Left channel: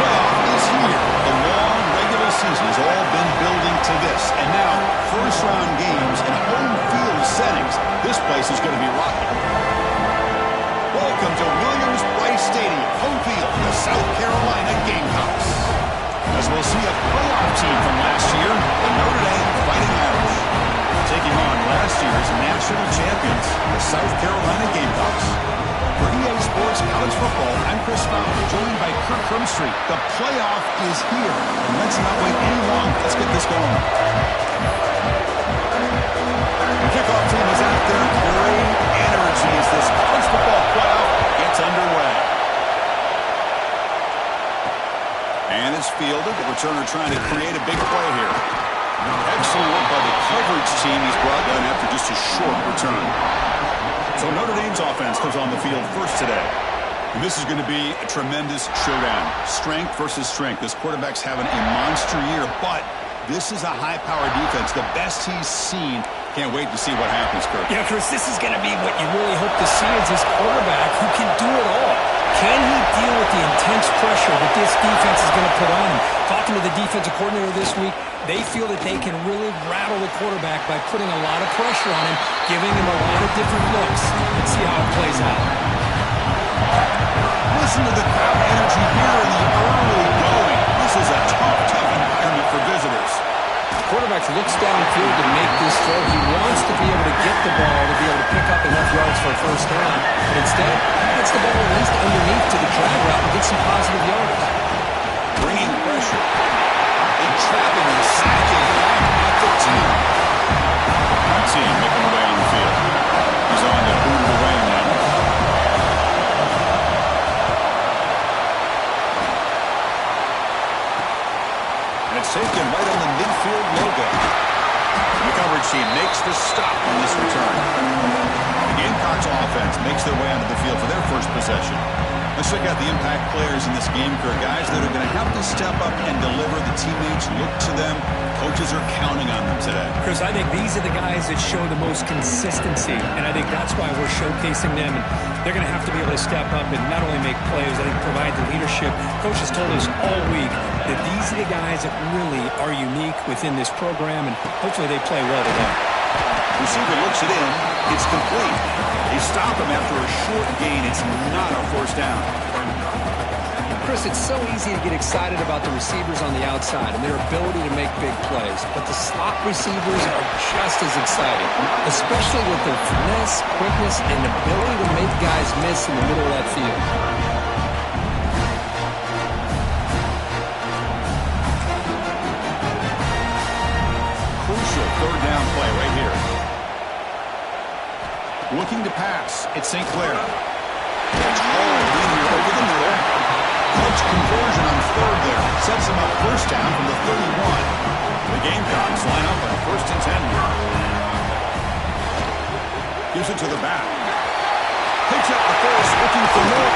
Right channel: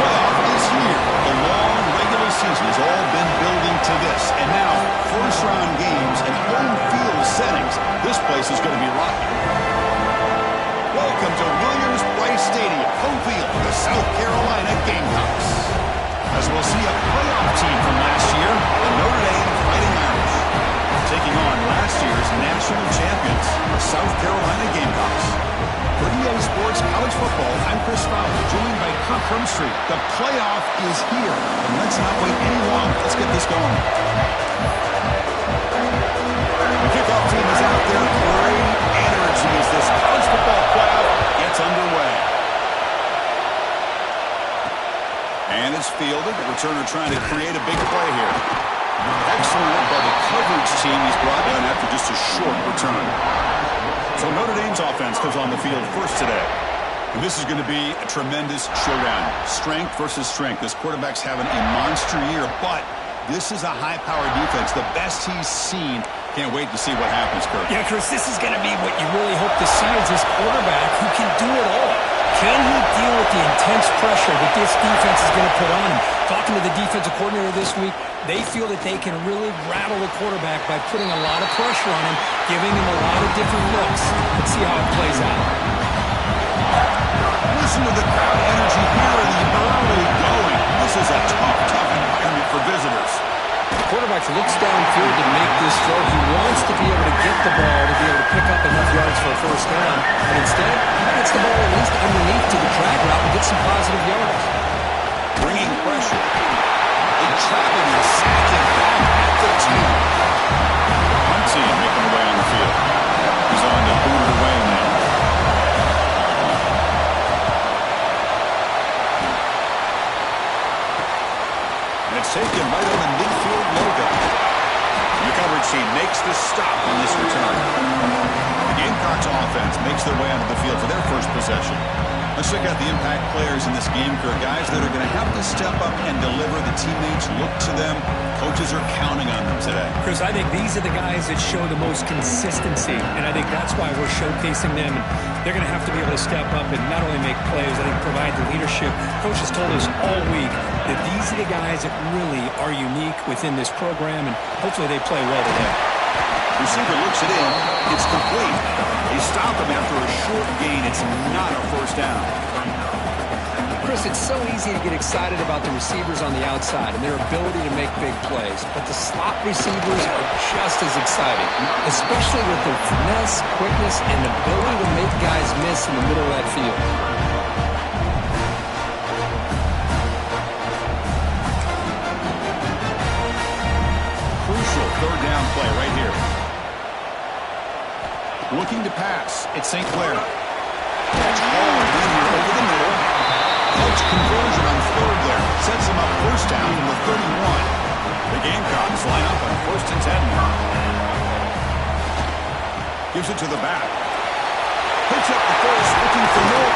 playoff is here. The long regular season has all been building to this. And now, first-round games in home field settings. This place is going to be rocking. Welcome to Williams-Brice Stadium, home field for the South Carolina Gamecocks. As we'll see a playoff team from last year, the Notre Dame Fighting Irish, taking on last year's national champions, the South Carolina Gamecocks. For EA Sports College Football, I'm Chris Fowler, joined by Kirk Hermstreet. The playoff is here, and let's not wait any longer. Let's get this going. The kickoff team is out there. Great energy as this college football playoff gets underway. And it's fielded. The returner trying to create a big play here. Excellent work by the coverage team. He's brought down after just a short return. So Notre Dame's offense comes on the field first today. And this is going to be a tremendous showdown. Strength versus strength. This quarterback's having a monster year, but this is a high-powered defense. The best he's seen. Can't wait to see what happens, Kirk. Yeah, Chris, this is going to be what you really hope to see is this quarterback who can do it all. Can he deal with the intense pressure that this defense is going to put on him? Talking to the defensive coordinator this week, they feel that they can really rattle the quarterback by putting a lot of pressure on him, giving him a lot of different looks. Let's see how it plays out. Listen to the crowd energy here in the early going. This is a tough environment for visitors. The quarterback looks downfield to make this throw. He wants to be able to get the ball to be able to pick up enough yards for a first down. But instead, he gets the ball at least underneath to the drag route and gets some positive yards. Bringing pressure. They trap him and sack him back at the 10. The punt team making their way on the field. He's on to boot it away now. And it's taken right on the midfield logo. And the coverage team makes the stop on this return. The Gamecocks offense makes their way onto the field for their first possession. Let's check out the impact players in this game, Kirk. Guys that are going to have to step up and deliver. The teammates look to them. Coaches are counting on them today. Chris, I think these are the guys that show the most consistency, and I think that's why we're showcasing them. And they're going to have to be able to step up and not only make plays, I think provide the leadership. Coach has told us all week that these are the guys that really are unique within this program, and hopefully they play well today. Receiver looks it in. It's complete. They stop him after a short gain. It's not a first down. Chris, it's so easy to get excited about the receivers on the outside and their ability to make big plays, but the slot receivers are just as exciting, especially with their finesse, quickness, and ability to make guys miss in the middle of that field. Crucial third down play right here. Looking to pass. It's St. Clair. Catch hauled in here over the middle. Clutch conversion on third there. Sets him up first down from the 31. The Gamecocks line up on 1st and 10. Gives it to the back. Picks up the first, looking for more.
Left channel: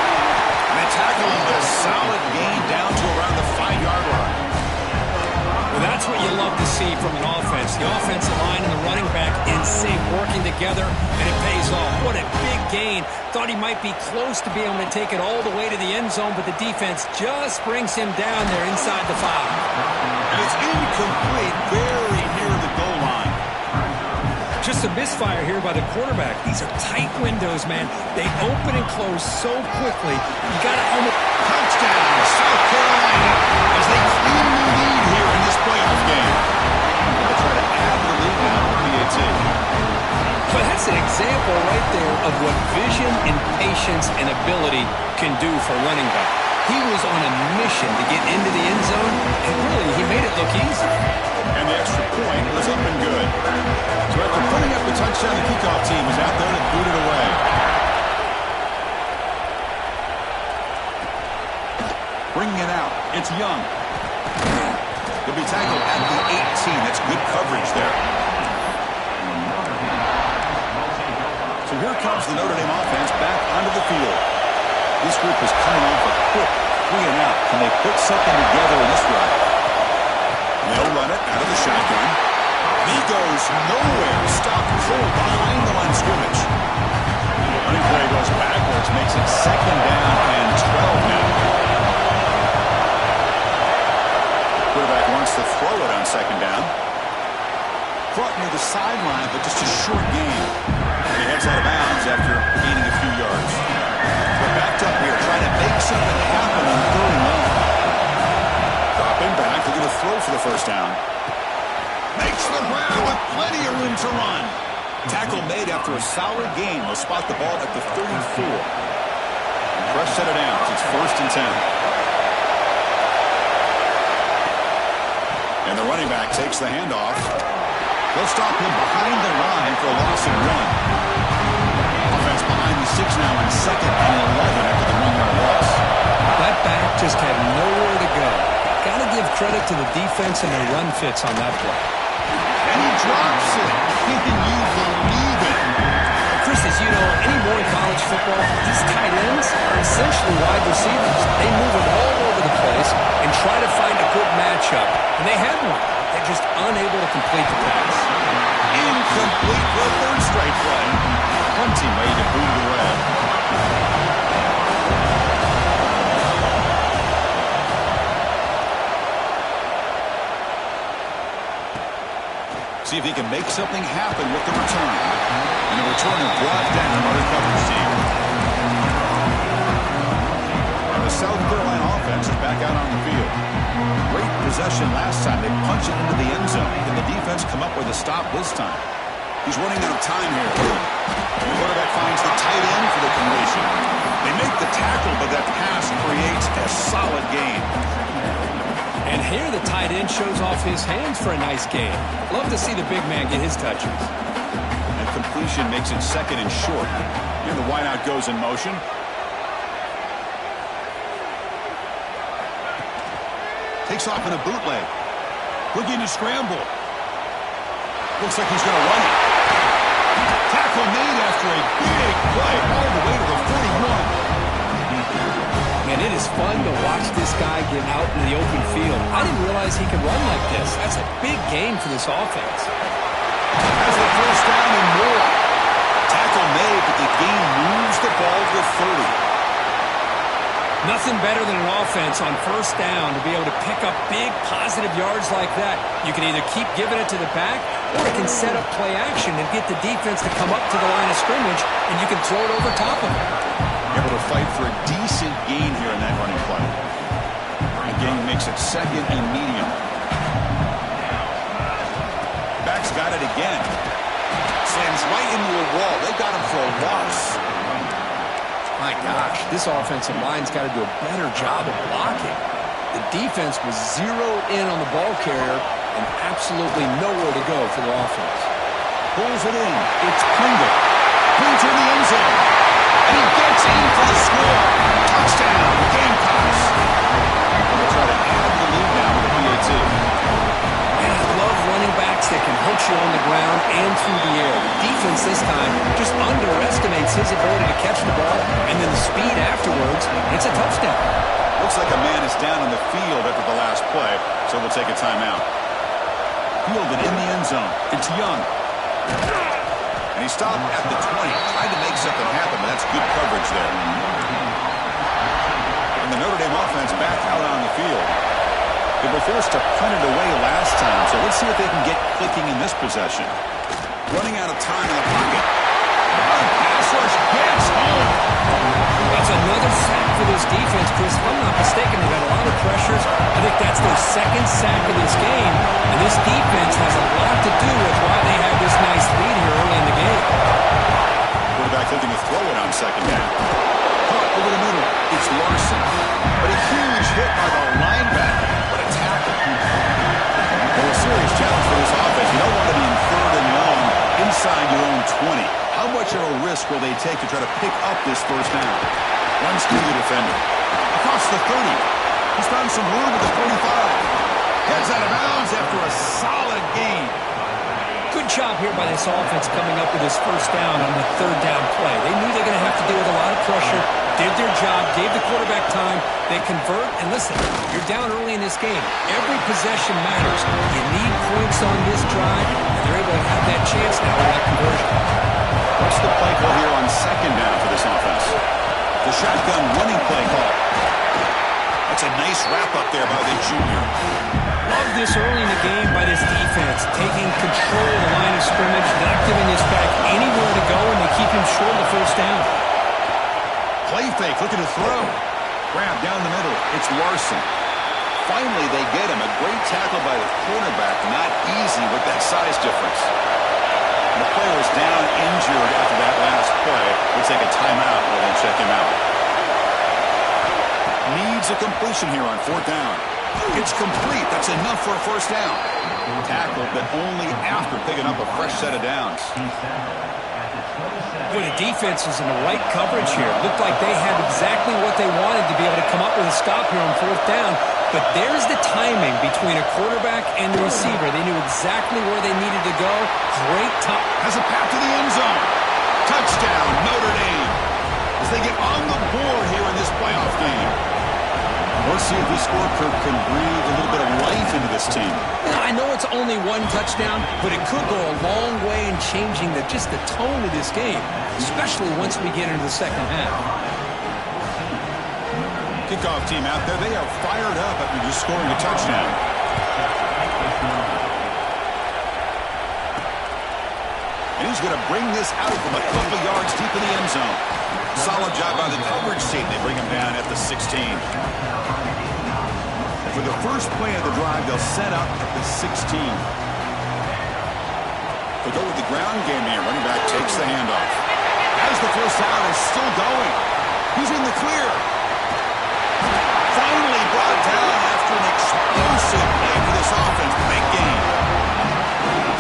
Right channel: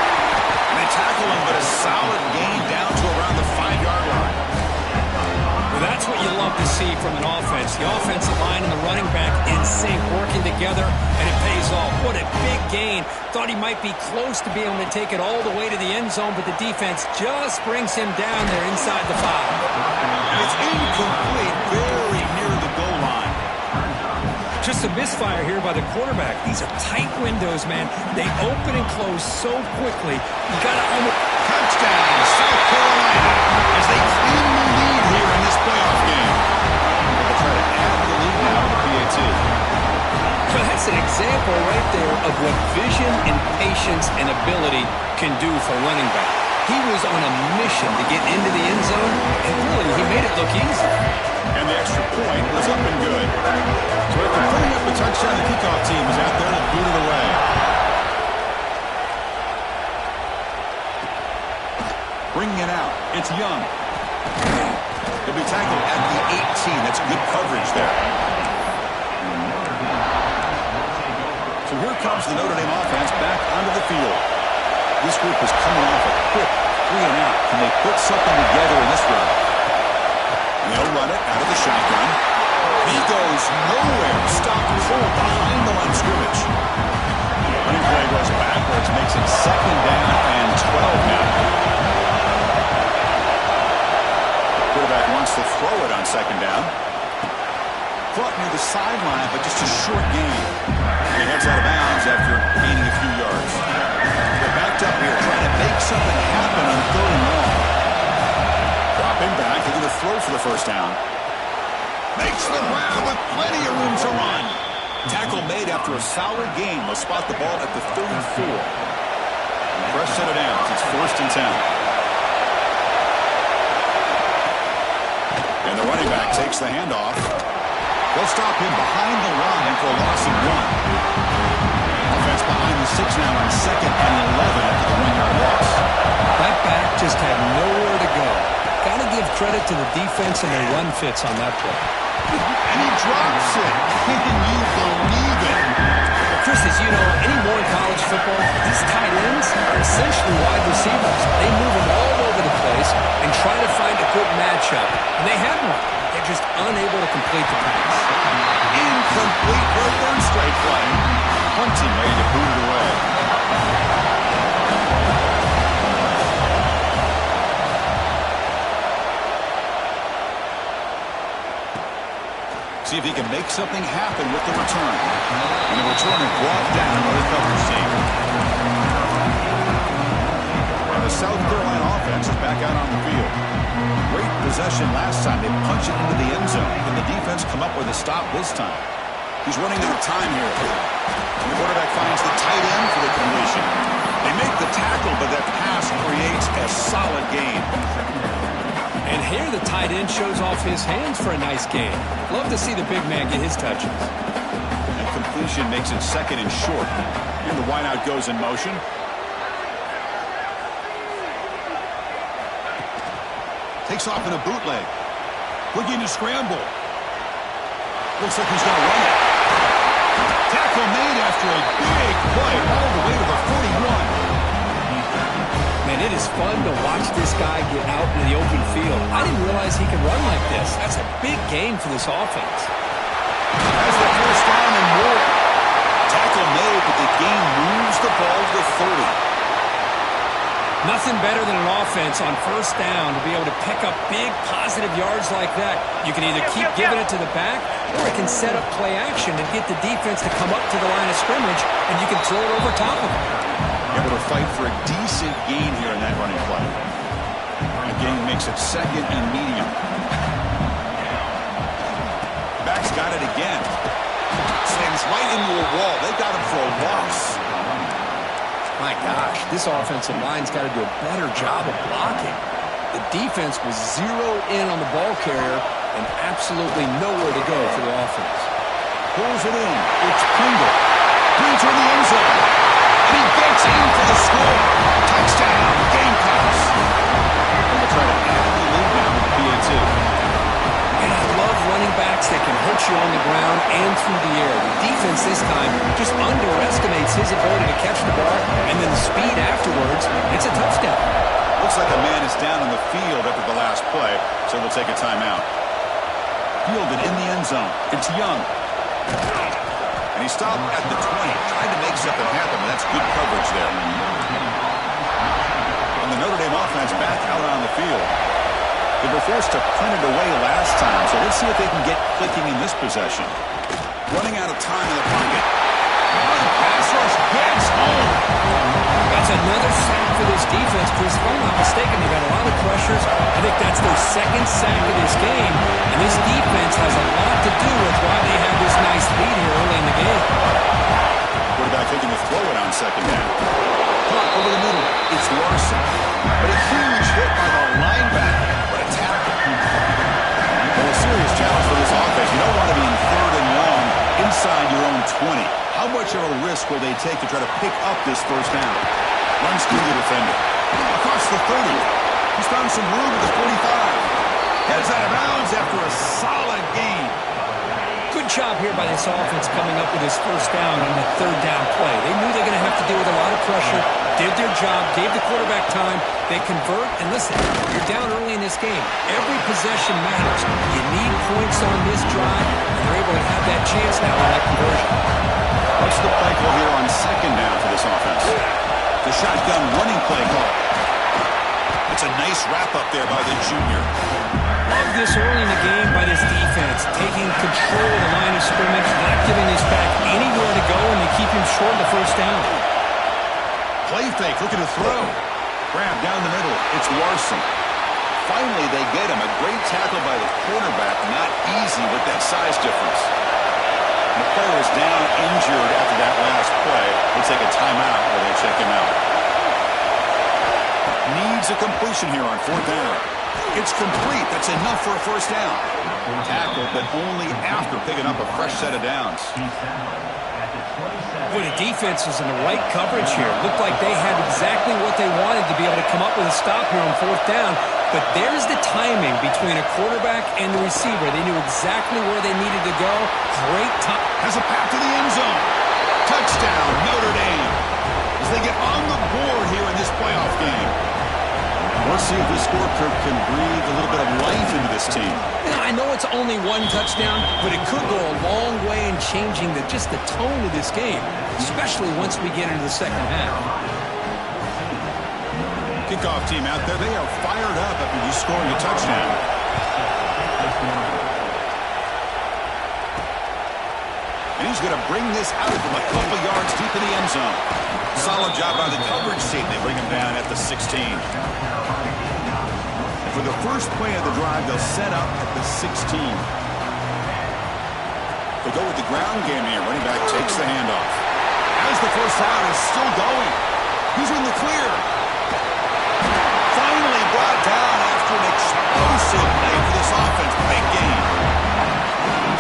And they tackle him, but a solid gain down to around the 5-yard line. Well, that's what you love to see from an offense. The offensive line and the running back in sync, working together, and it pays off. What a big gain. Thought he might be close to being able to take it all the way to the end zone, but the defense just brings him down there inside the 5. And it's incomplete, very near the goal line. Just a misfire here by the quarterback. These are tight windows, man. They open and close so quickly. You got to almost... Touchdown, South Carolina, as they clean the lead here in this playoff game. They'll try to add to the lead now to the PAT. But that's an example right there of what vision and patience and ability can do for running back. He was on a mission to get into the end zone, and really, he made it look easy. And the extra point was up and good. So after putting up a touchdown, the kickoff team is out there to boot it away. Bringing it out, it's Young. He'll be tackled at the 18. That's good coverage there. So here comes the Notre Dame offense back onto the field. This group is coming off a quick 3-and-out. Can they put something together in this run? And they'll run it out of the shotgun. He goes nowhere. Stopped cold behind the line of scrimmage. Running play goes backwards, makes it 2nd down and 12 now. wants to throw it on second down. Caught near the sideline, but just a short gain. And he heads out of bounds after gaining a few yards. They're backed up here, trying to make something happen on third and long. Dropping back, they're going to throw for the first down. Makes the ground with plenty of room to run. Tackle made after a solid gain. They'll spot the ball at the 34. Fresh set of downs. It's 1st and 10. And the running back takes the handoff. They'll stop him behind the line for a loss of 1. Offense behind the 6 now on 2nd and 11 after the 1-yard loss. That back just had nowhere to go. Got to give credit to the defense and their run fits on that play. And he drops it. Can you believe it? Well, Chris, as you know, anymore in college football, these tight ends are essentially wide receivers. They move them all over the place and try to find a good matchup. And they had one. They're just unable to complete the pass. Incomplete for a third straight play. Hunting ready to boot it away. See if he can make something happen with the return. And the returner brought down by the coverage team. And the South Carolina offense is back out on the field. Great possession last time. They punch it into the end zone. Can the defense come up with a stop this time? He's running out of time here. And the quarterback finds the tight end for the completion. They make the tackle, but that pass creates a solid gain. And here the tight end shows off his hands for a nice gain. Love to see the big man get his touches. And completion makes it 2nd and short. Here the wideout goes in motion. Takes off in a bootleg. Looking to scramble. Looks like he's going to run it. Tackle made after a big play all the way to the 41. Man, it is fun to watch this guy get out in the open field. I didn't realize he could run like this. That's a big gain for this offense. Has the first down and more. Tackle made, but the gain moves the ball to the 30. Nothing better than an offense on first down to be able to pick up big positive yards like that. You can either keep giving it to the back, or it can set up play action and get the defense to come up to the line of scrimmage, and you can throw it over top of them. Able to fight for a decent gain here in that running play. The gain makes it 2nd and medium. Back's got it again. Slams right into a wall. They got him for a loss. My gosh, this offensive line's got to do a better job of blocking. The defense was zeroed in on the ball carrier and absolutely nowhere to go for the offense. Pulls it in. It's Pringle. Brings her in the end zone. And he gets in for the score. Touchdown, Gamecocks. And they'll try to add the lead now with a PAT. And I love running backs that can hurt you on the ground and through the air. The defense this time just underestimates his ability to catch the ball, and then the speed afterwards, it's a touchdown. Looks like a man is down on the field after the last play, so they'll take a timeout. Fielded in the end zone. It's Young. And he stopped at the 20, tried to make something happen, but that's good coverage there. And the Notre Dame offense back out on the field. They were forced to punt it away last time, so let's see if they can get clicking in this possession. Running out of time in the pocket. Oh, the pass rush gets home. That's another sack for this defense, Chris. If I'm not mistaken, they've had a lot of pressures. I think that's their 2nd sack of this game, and this defense has a lot to do with why they have this nice lead here early in the game. Quarterback looking to throw it on second down. Caught over the middle. It's Larson. But a huge hit by the linebacker. What a tackle. Well, a serious challenge for this offense. You don't want to be in 3rd and long inside your own 20. How much of a risk will they take to try to pick up this first down? Runs through the defender. Across the 30. He's found some room at the 45. Heads out of bounds after a solid gain. Good job here by this offense coming up with his first down on the 3rd down play. They knew they were going to have to deal with a lot of pressure, did their job, gave the quarterback time. They convert, and listen, you're down early in this game. Every possession matters. You need points on this drive, and they're able to have that chance now with that conversion. What's the play call here on second down for this offense? The shotgun running play call. That's a nice wrap up there by the junior. love this early in the game by this defense, taking control of the line of scrimmage, not giving this back anywhere to go, and they keep him short of the first down. Play fake, looking to throw. Grab down the middle. It's Larson. Finally, they get him. A great tackle by the cornerback. Not easy with that size difference. The player is down injured after that last play. We'll take a timeout while they check him out. Needs a completion here on 4th down. It's complete. That's enough for a first down. Tackled, but only after picking up a fresh set of downs. Boy, the defense was in the right coverage here. Looked like they had exactly what they wanted to be able to come up with a stop here on 4th down. But there's the timing between a quarterback and the receiver. They knew exactly where they needed to go. Great time. Has a path to the end zone. Touchdown, Notre Dame. As they get on the board here in this playoff game. We'll see if the scorecard can breathe a little bit of life into this team. Yeah, I know it's only one touchdown, but it could go a long way in changing just the tone of this game, especially once we get into the second half. Kickoff team out there, they are fired up after just scoring a touchdown. And he's going to bring this out from a couple yards deep in the end zone. Solid job by the coverage team. They bring him down at the 16. For the first play of the drive, they'll set up at the 16. They'll go with the ground game here. Running back takes the handoff. As the first down is still going. He's in the clear. Finally brought down after an explosive play for this offense. Big gain.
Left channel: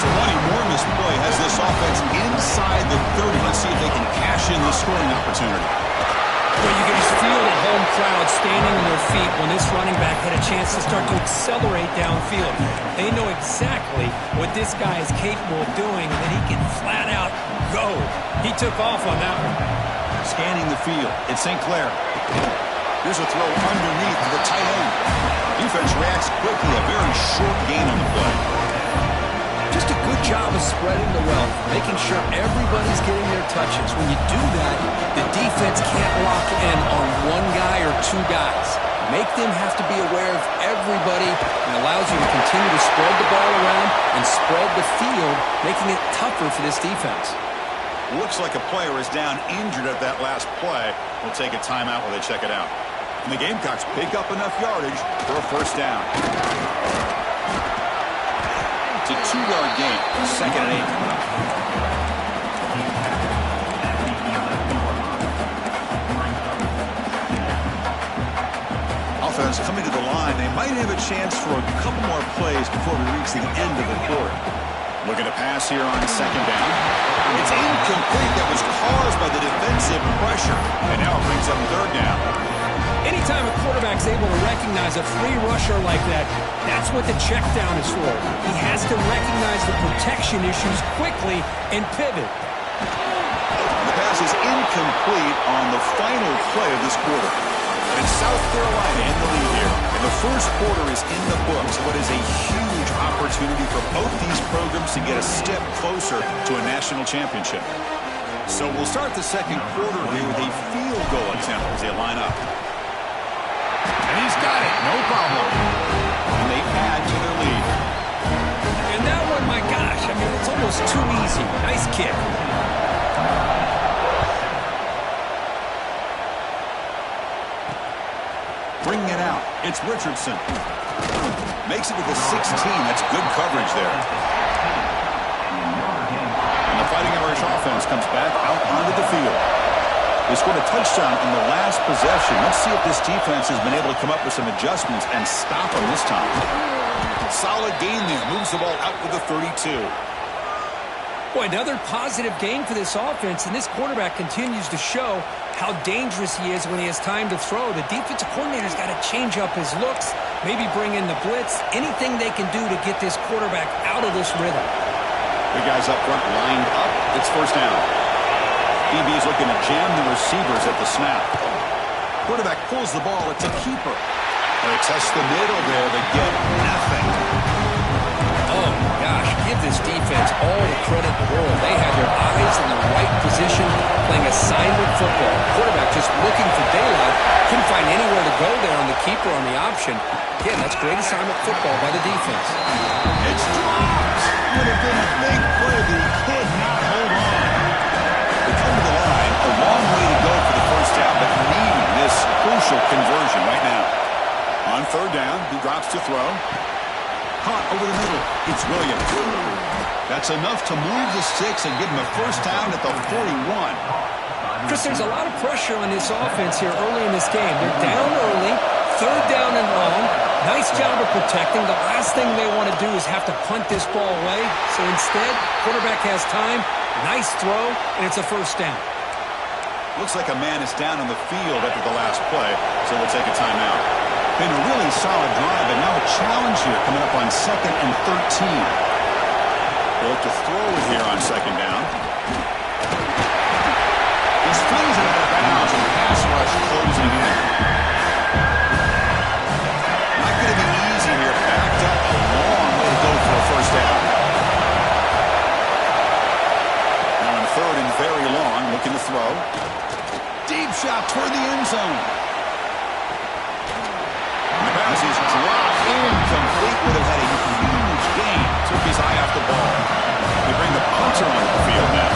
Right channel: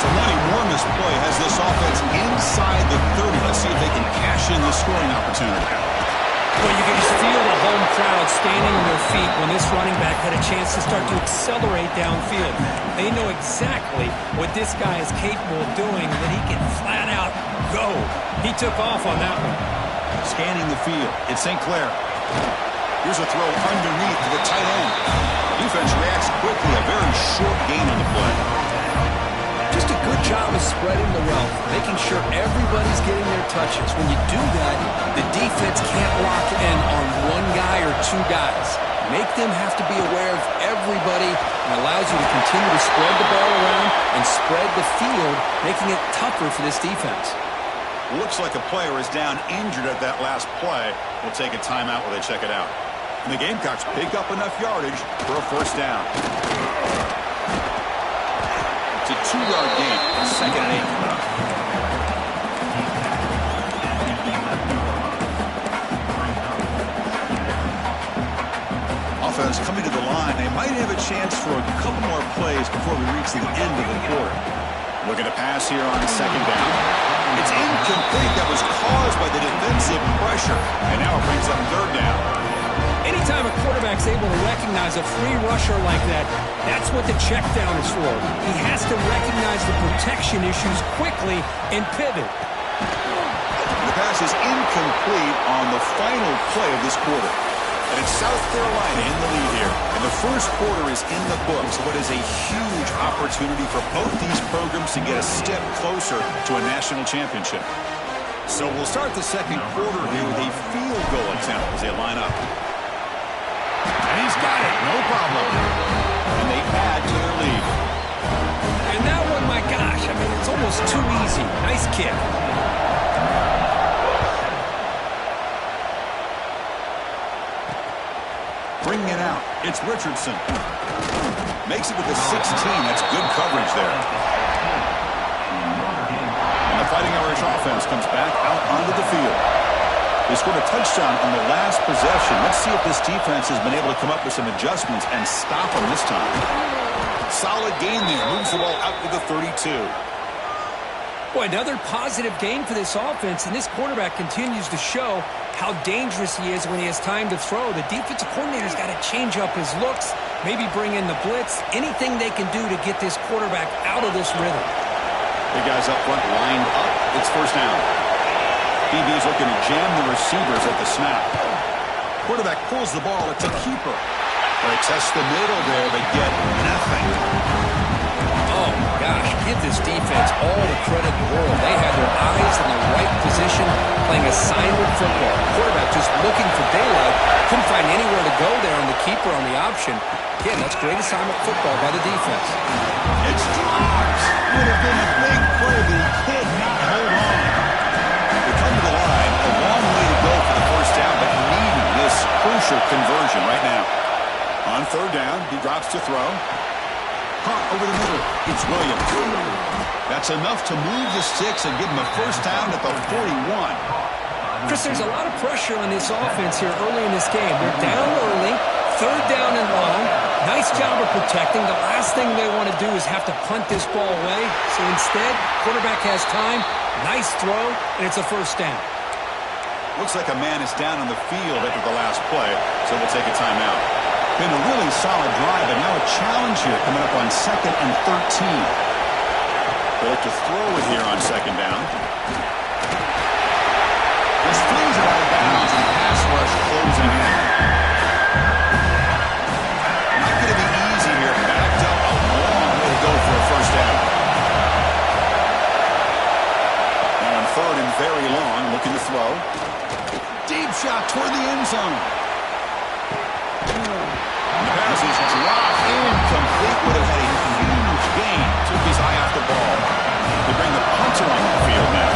So one enormous play has this offense inside the 30. Let's see if they can cash in this scoring opportunity. Well, you can just feel the home crowd standing on their feet when this running back had a chance to start to accelerate downfield. They know exactly what this guy is capable of doing, that he can flat out go. He took off on that one. Scanning the field. It's St. Clair. Here's a throw underneath to the tight end. Defense reacts quickly. A very short gain on the play. Just a good job of spreading the wealth, making sure everybody's getting their touches. When you do that, the defense can't lock in on one guy or two guys. Make them have to be aware of everybody, and allows you to continue to spread the ball around and spread the field, making it tougher for this defense. Looks like a player is down injured at that last play. We'll take a timeout while they check it out. And the Gamecocks pick up enough yardage for a first down. It's a 2-yard gain. 2nd and 8 coming up. Offense coming to the line. They might have a chance for a couple more plays before we reach the end of the quarter. Looking to pass here on 2nd down. It's incomplete. That was caused by the defensive pressure. And now it brings up 3rd down. Anytime a quarterback's able to recognize a free rusher like that, that's what the check down is for. He has to recognize the protection issues quickly and pivot. The pass is incomplete on the final play of this quarter. And it's South Carolina in the lead here. And the first quarter is in the books. What is a huge opportunity for both these programs to get a step closer to a national championship. So we'll start the second quarter here with a field goal attempt as they line up. And he's got it, no problem. And they add to their lead. And that one, my gosh, I mean, it's almost too easy. Nice kick. Bringing it out, it's Richardson. Makes it with the 16, that's good coverage there. And the Fighting Irish offense comes back out onto the field. They scored a touchdown on the last possession. Let's see if this defense has been able to come up with some adjustments and stop them this time. Solid gain there. Moves the ball out to the 32. Boy, another positive gain for this offense, and this quarterback continues to show how dangerous he is when he has time to throw. The defensive coordinator's got to change up his looks, maybe bring in the blitz, anything they can do to get this quarterback out of this rhythm. The guys up front lined up. It's first down. DB's looking to jam the receivers at the snap. Quarterback pulls the ball. It's a keeper. They test the middle there, but get nothing. Oh, gosh, give this defense all the credit in the world. They had their eyes in the right position, playing assignment football. Quarterback just looking for daylight. Couldn't find anywhere to go there on the keeper on the option. Again, that's great assignment football by the defense. It's dropped. Would have been a big play, but he could not hold on. They come to the line, a long way to go for the first down, but needing this crucial conversion right now. On third down, he drops to throw. Caught over the middle. It's Williams. That's enough to move the sticks and give him a first down at the 41. Chris, there's a lot of pressure on this offense here early in this game. They're down early, third down and long. Nice job of protecting. The last thing they want to do is have to punt this ball away. So instead, quarterback has time. Nice throw, and it's a first down. Looks like a man is down on the field after the last play, so we'll take a timeout. Been a really solid drive, but now a challenge here coming up on 2nd and 13. They'll look to throw it here on 2nd down. This flings it out of bounds and pass rush closing in. Not going to be easy here. Backed up a long way to go for a first down. Now on 3rd and very long, looking to throw. Deep shot toward the end zone. The pass is dropped incomplete. Would have had a huge gain. Took his eye off the ball. They bring the punter onto the field now.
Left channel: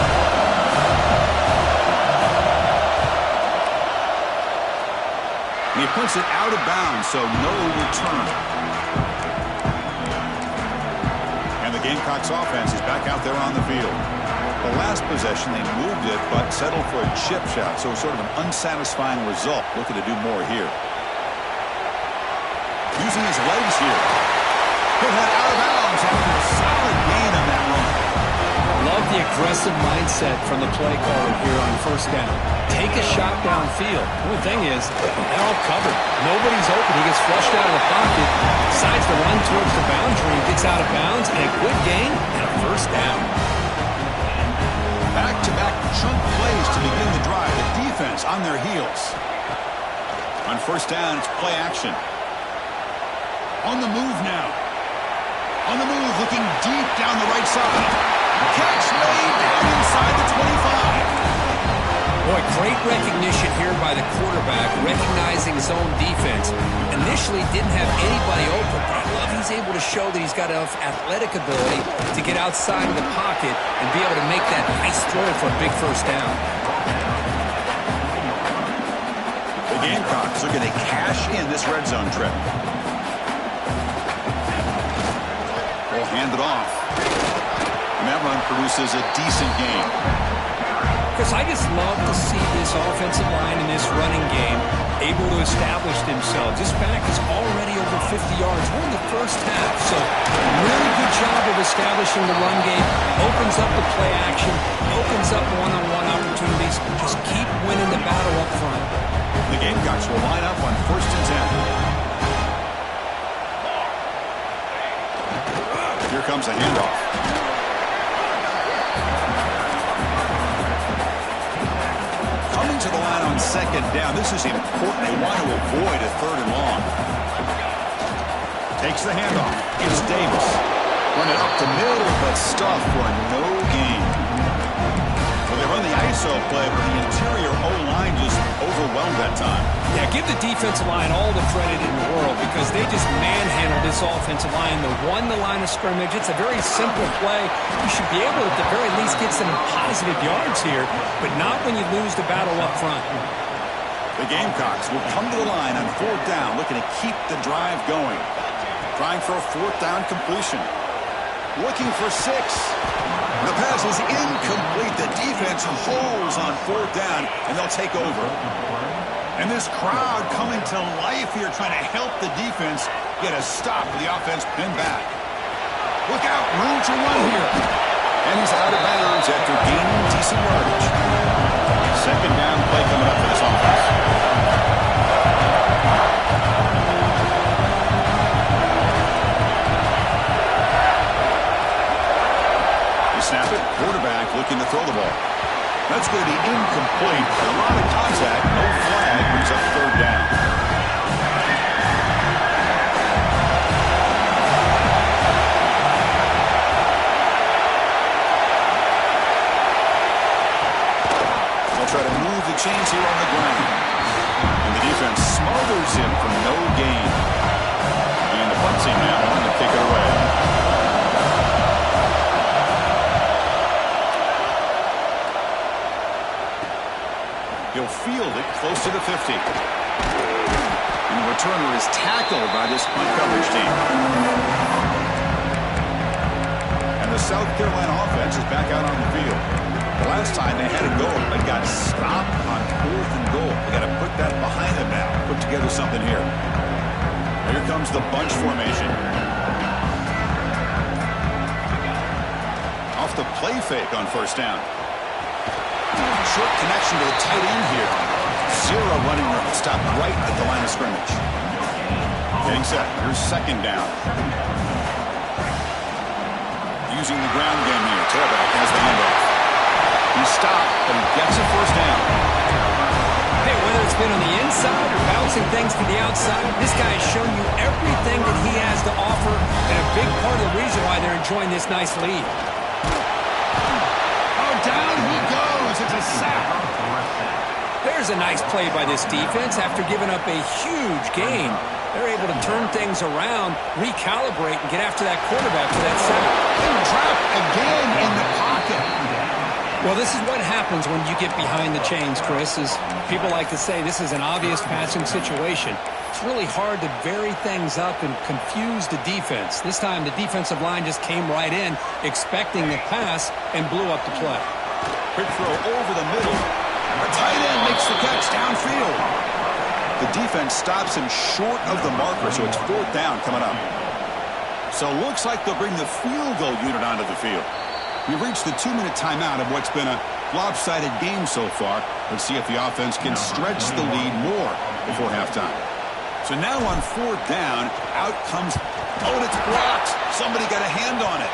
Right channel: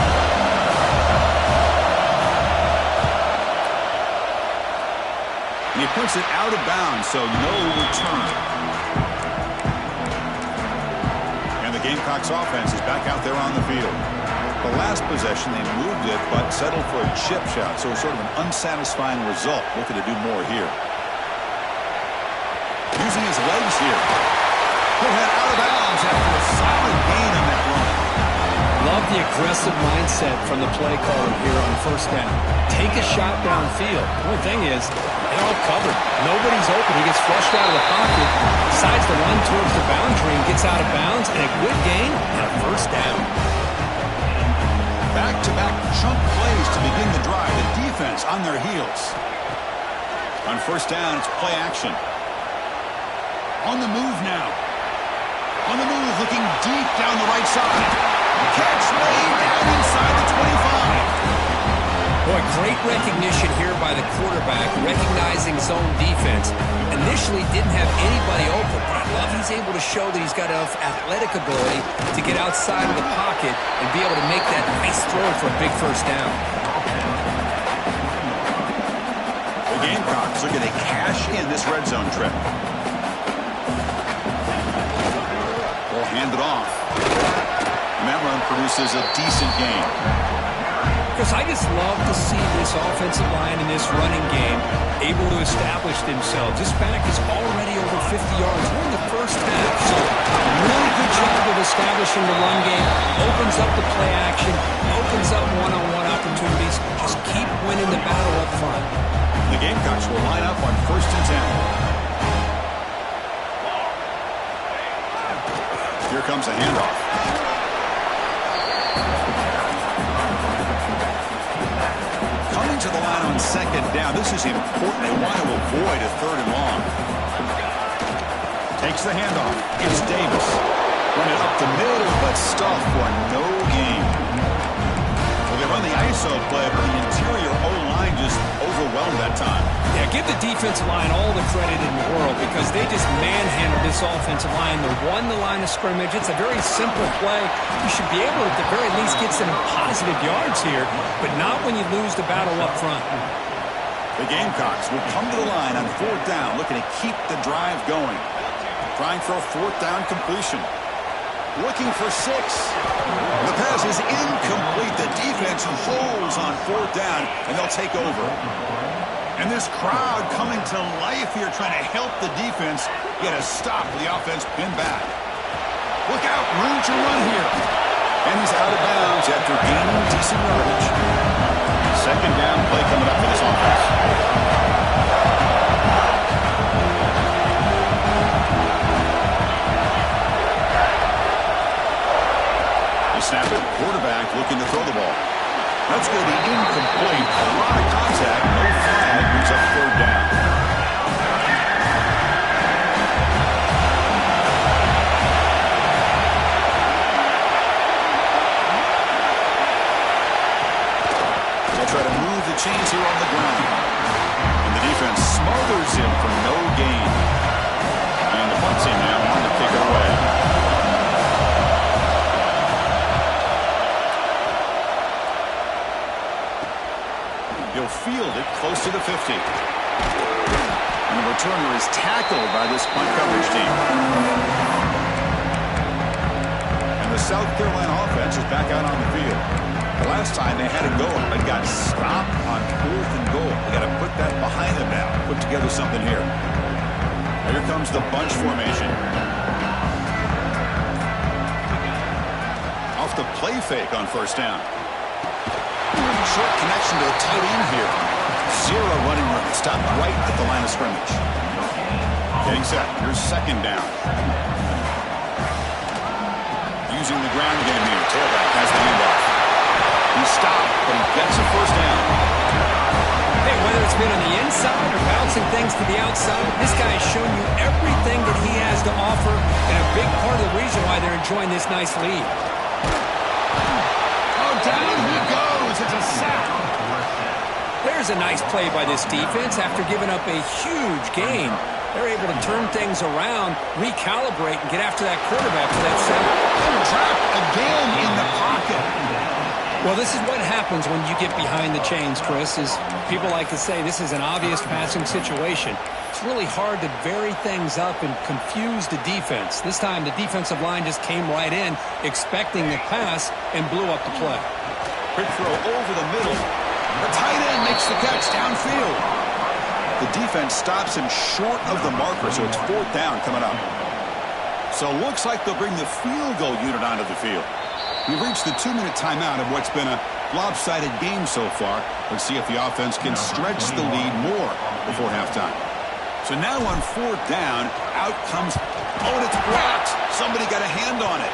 And he puts it out of bounds, so no return. And the Gamecocks offense is back out there on the field. The last possession, they moved it, but settled for a chip shot, so sort of an unsatisfying result. Looking to do more here. Using his legs here. He'll head out of bounds after a solid gain on that run. Love the aggressive mindset from the play caller here on first down. Take a shot downfield. The only thing is, they're all covered. Nobody's open. He gets flushed out of the pocket, decides to run towards the boundary and gets out of bounds, and a good gain and a first down. Back-to-back chunk plays to begin the drive. The defense on their heels. On first down, it's play action. On the move now. On the move, looking deep down the right side. Catch made down inside the 25. Boy, great recognition here by the quarterback, recognizing zone defense. Initially didn't have anybody open, but I love he's able to show that he's got enough athletic ability to get outside of the pocket and be able to make that nice throw for a big first down. The Gamecocks are going to cash in this red zone trip. We'll hand it off. And that run produces a decent gain. Chris, I just love to see this offensive line in this running game able to establish themselves. This back is already over 50 yards. We're in the first half, so really good job of establishing the run game. Opens up the play action, opens up one-on-one opportunities. Just keep winning the battle up front. The Gamecocks will line up on 1st and 10. Here comes a handoff. Coming to the line on 2nd down. This is important. They want to avoid a 3rd and long. Takes the handoff. It's Davis. Run it up the middle, but stuffed for no gain. Well, they run the ISO play, but the interior O-line just overwhelmed that time. Yeah, give the defensive line all the credit in the world because they just manhandled this offensive line. They won the line of scrimmage. It's a very simple play. You should be able to, at the very least, get some positive yards here, but not when you lose the battle up front. The Gamecocks will come to the line on 4th down, looking to keep the drive going. Trying for a 4th down completion. Looking for 6. The pass is incomplete. The defense holds on 4th down, and they'll take over. And this crowd coming to life here, trying to help the defense get a stop with the offense pinned back. Look out, room to run here. And he's out of bounds after gaining decent yardage. 2nd down play coming up for this offense. They snap it, quarterback looking to throw the ball. That's going to be incomplete. A lot of contact, no flag, brings up 3rd down. chains here on the ground. And the defense smothers him for no gain. And the punt team now on to kick it away. He'll field it close to the 50. And the returner is tackled by this punt coverage team. And the South Carolina offense is back out on the field. The last time they had a goal, but got stopped on 4th and goal. They got to put that behind them now. Put together something here. Here comes the bunch formation. Off the play fake on first down. Short connection to the tight end here. Zero running room. Stopped right at the line of scrimmage. Getting set. Here's second down. Using the ground game here. Tailback has the handoff. He's stopped, but he gets a first down. Hey, whether it's been on the inside or bouncing things to the outside, this guy has shown you everything that he has to offer, and a big part of the reason why they're enjoying this nice lead. Oh, down he goes. It's a sack. There's a nice play by this defense. After giving up a huge gain, they're able to turn things around, recalibrate, and get after that quarterback for that sack. Trapped again in the pocket. Well, this is what happens when you get behind the chains, Chris. Is people like to say this is an obvious passing situation. It's really hard to vary things up and confuse the defense. This time, the defensive line just came right in, expecting the pass, and blew up the play. Quick throw over the middle. The tight end makes the catch downfield. The defense stops him short of the marker, so it's 4th down coming up. So it looks like they'll bring the field goal unit onto the field. We've reached the 2-minute timeout of what's been a lopsided game so far. Let's see if the offense can stretch the lead more before halftime. So now on 4th down, out comes, oh, and it's blocked. Somebody got a hand on it.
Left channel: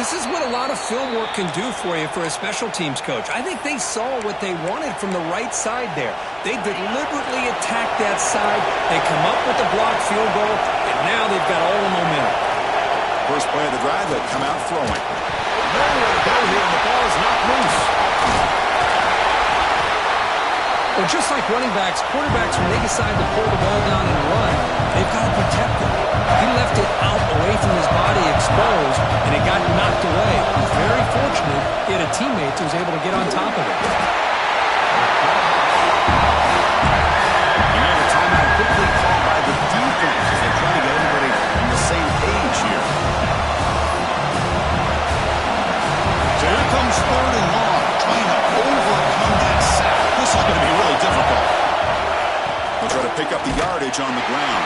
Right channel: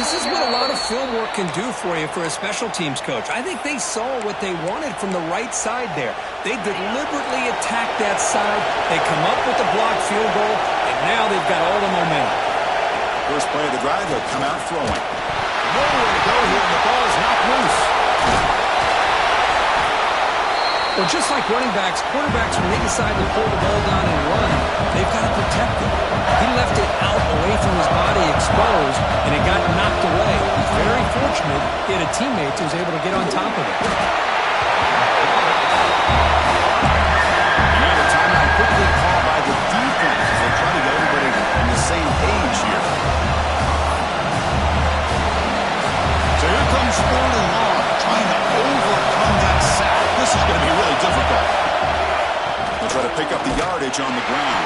This is what a lot of film work can do for you for a special teams coach. I think they saw what they wanted from the right side there. They deliberately attacked that side. They come up with the blocked field goal, and now they've got all the momentum. First play of the drive, they'll come out throwing. Nowhere to go here, and the ball is knocked loose. Well, just like running backs, quarterbacks, when they decide to pull the ball down and run, they've got to protect it. He left it out away from his body exposed, and it got knocked away. He's very fortunate he had a teammate who was able to get on top of it. And now the timeout quickly called by the defense as they try to get everybody on the same page here. So here comes 3rd and long, trying to overcome that sack. This is going to be really difficult. They'll try to pick up the yardage on the ground.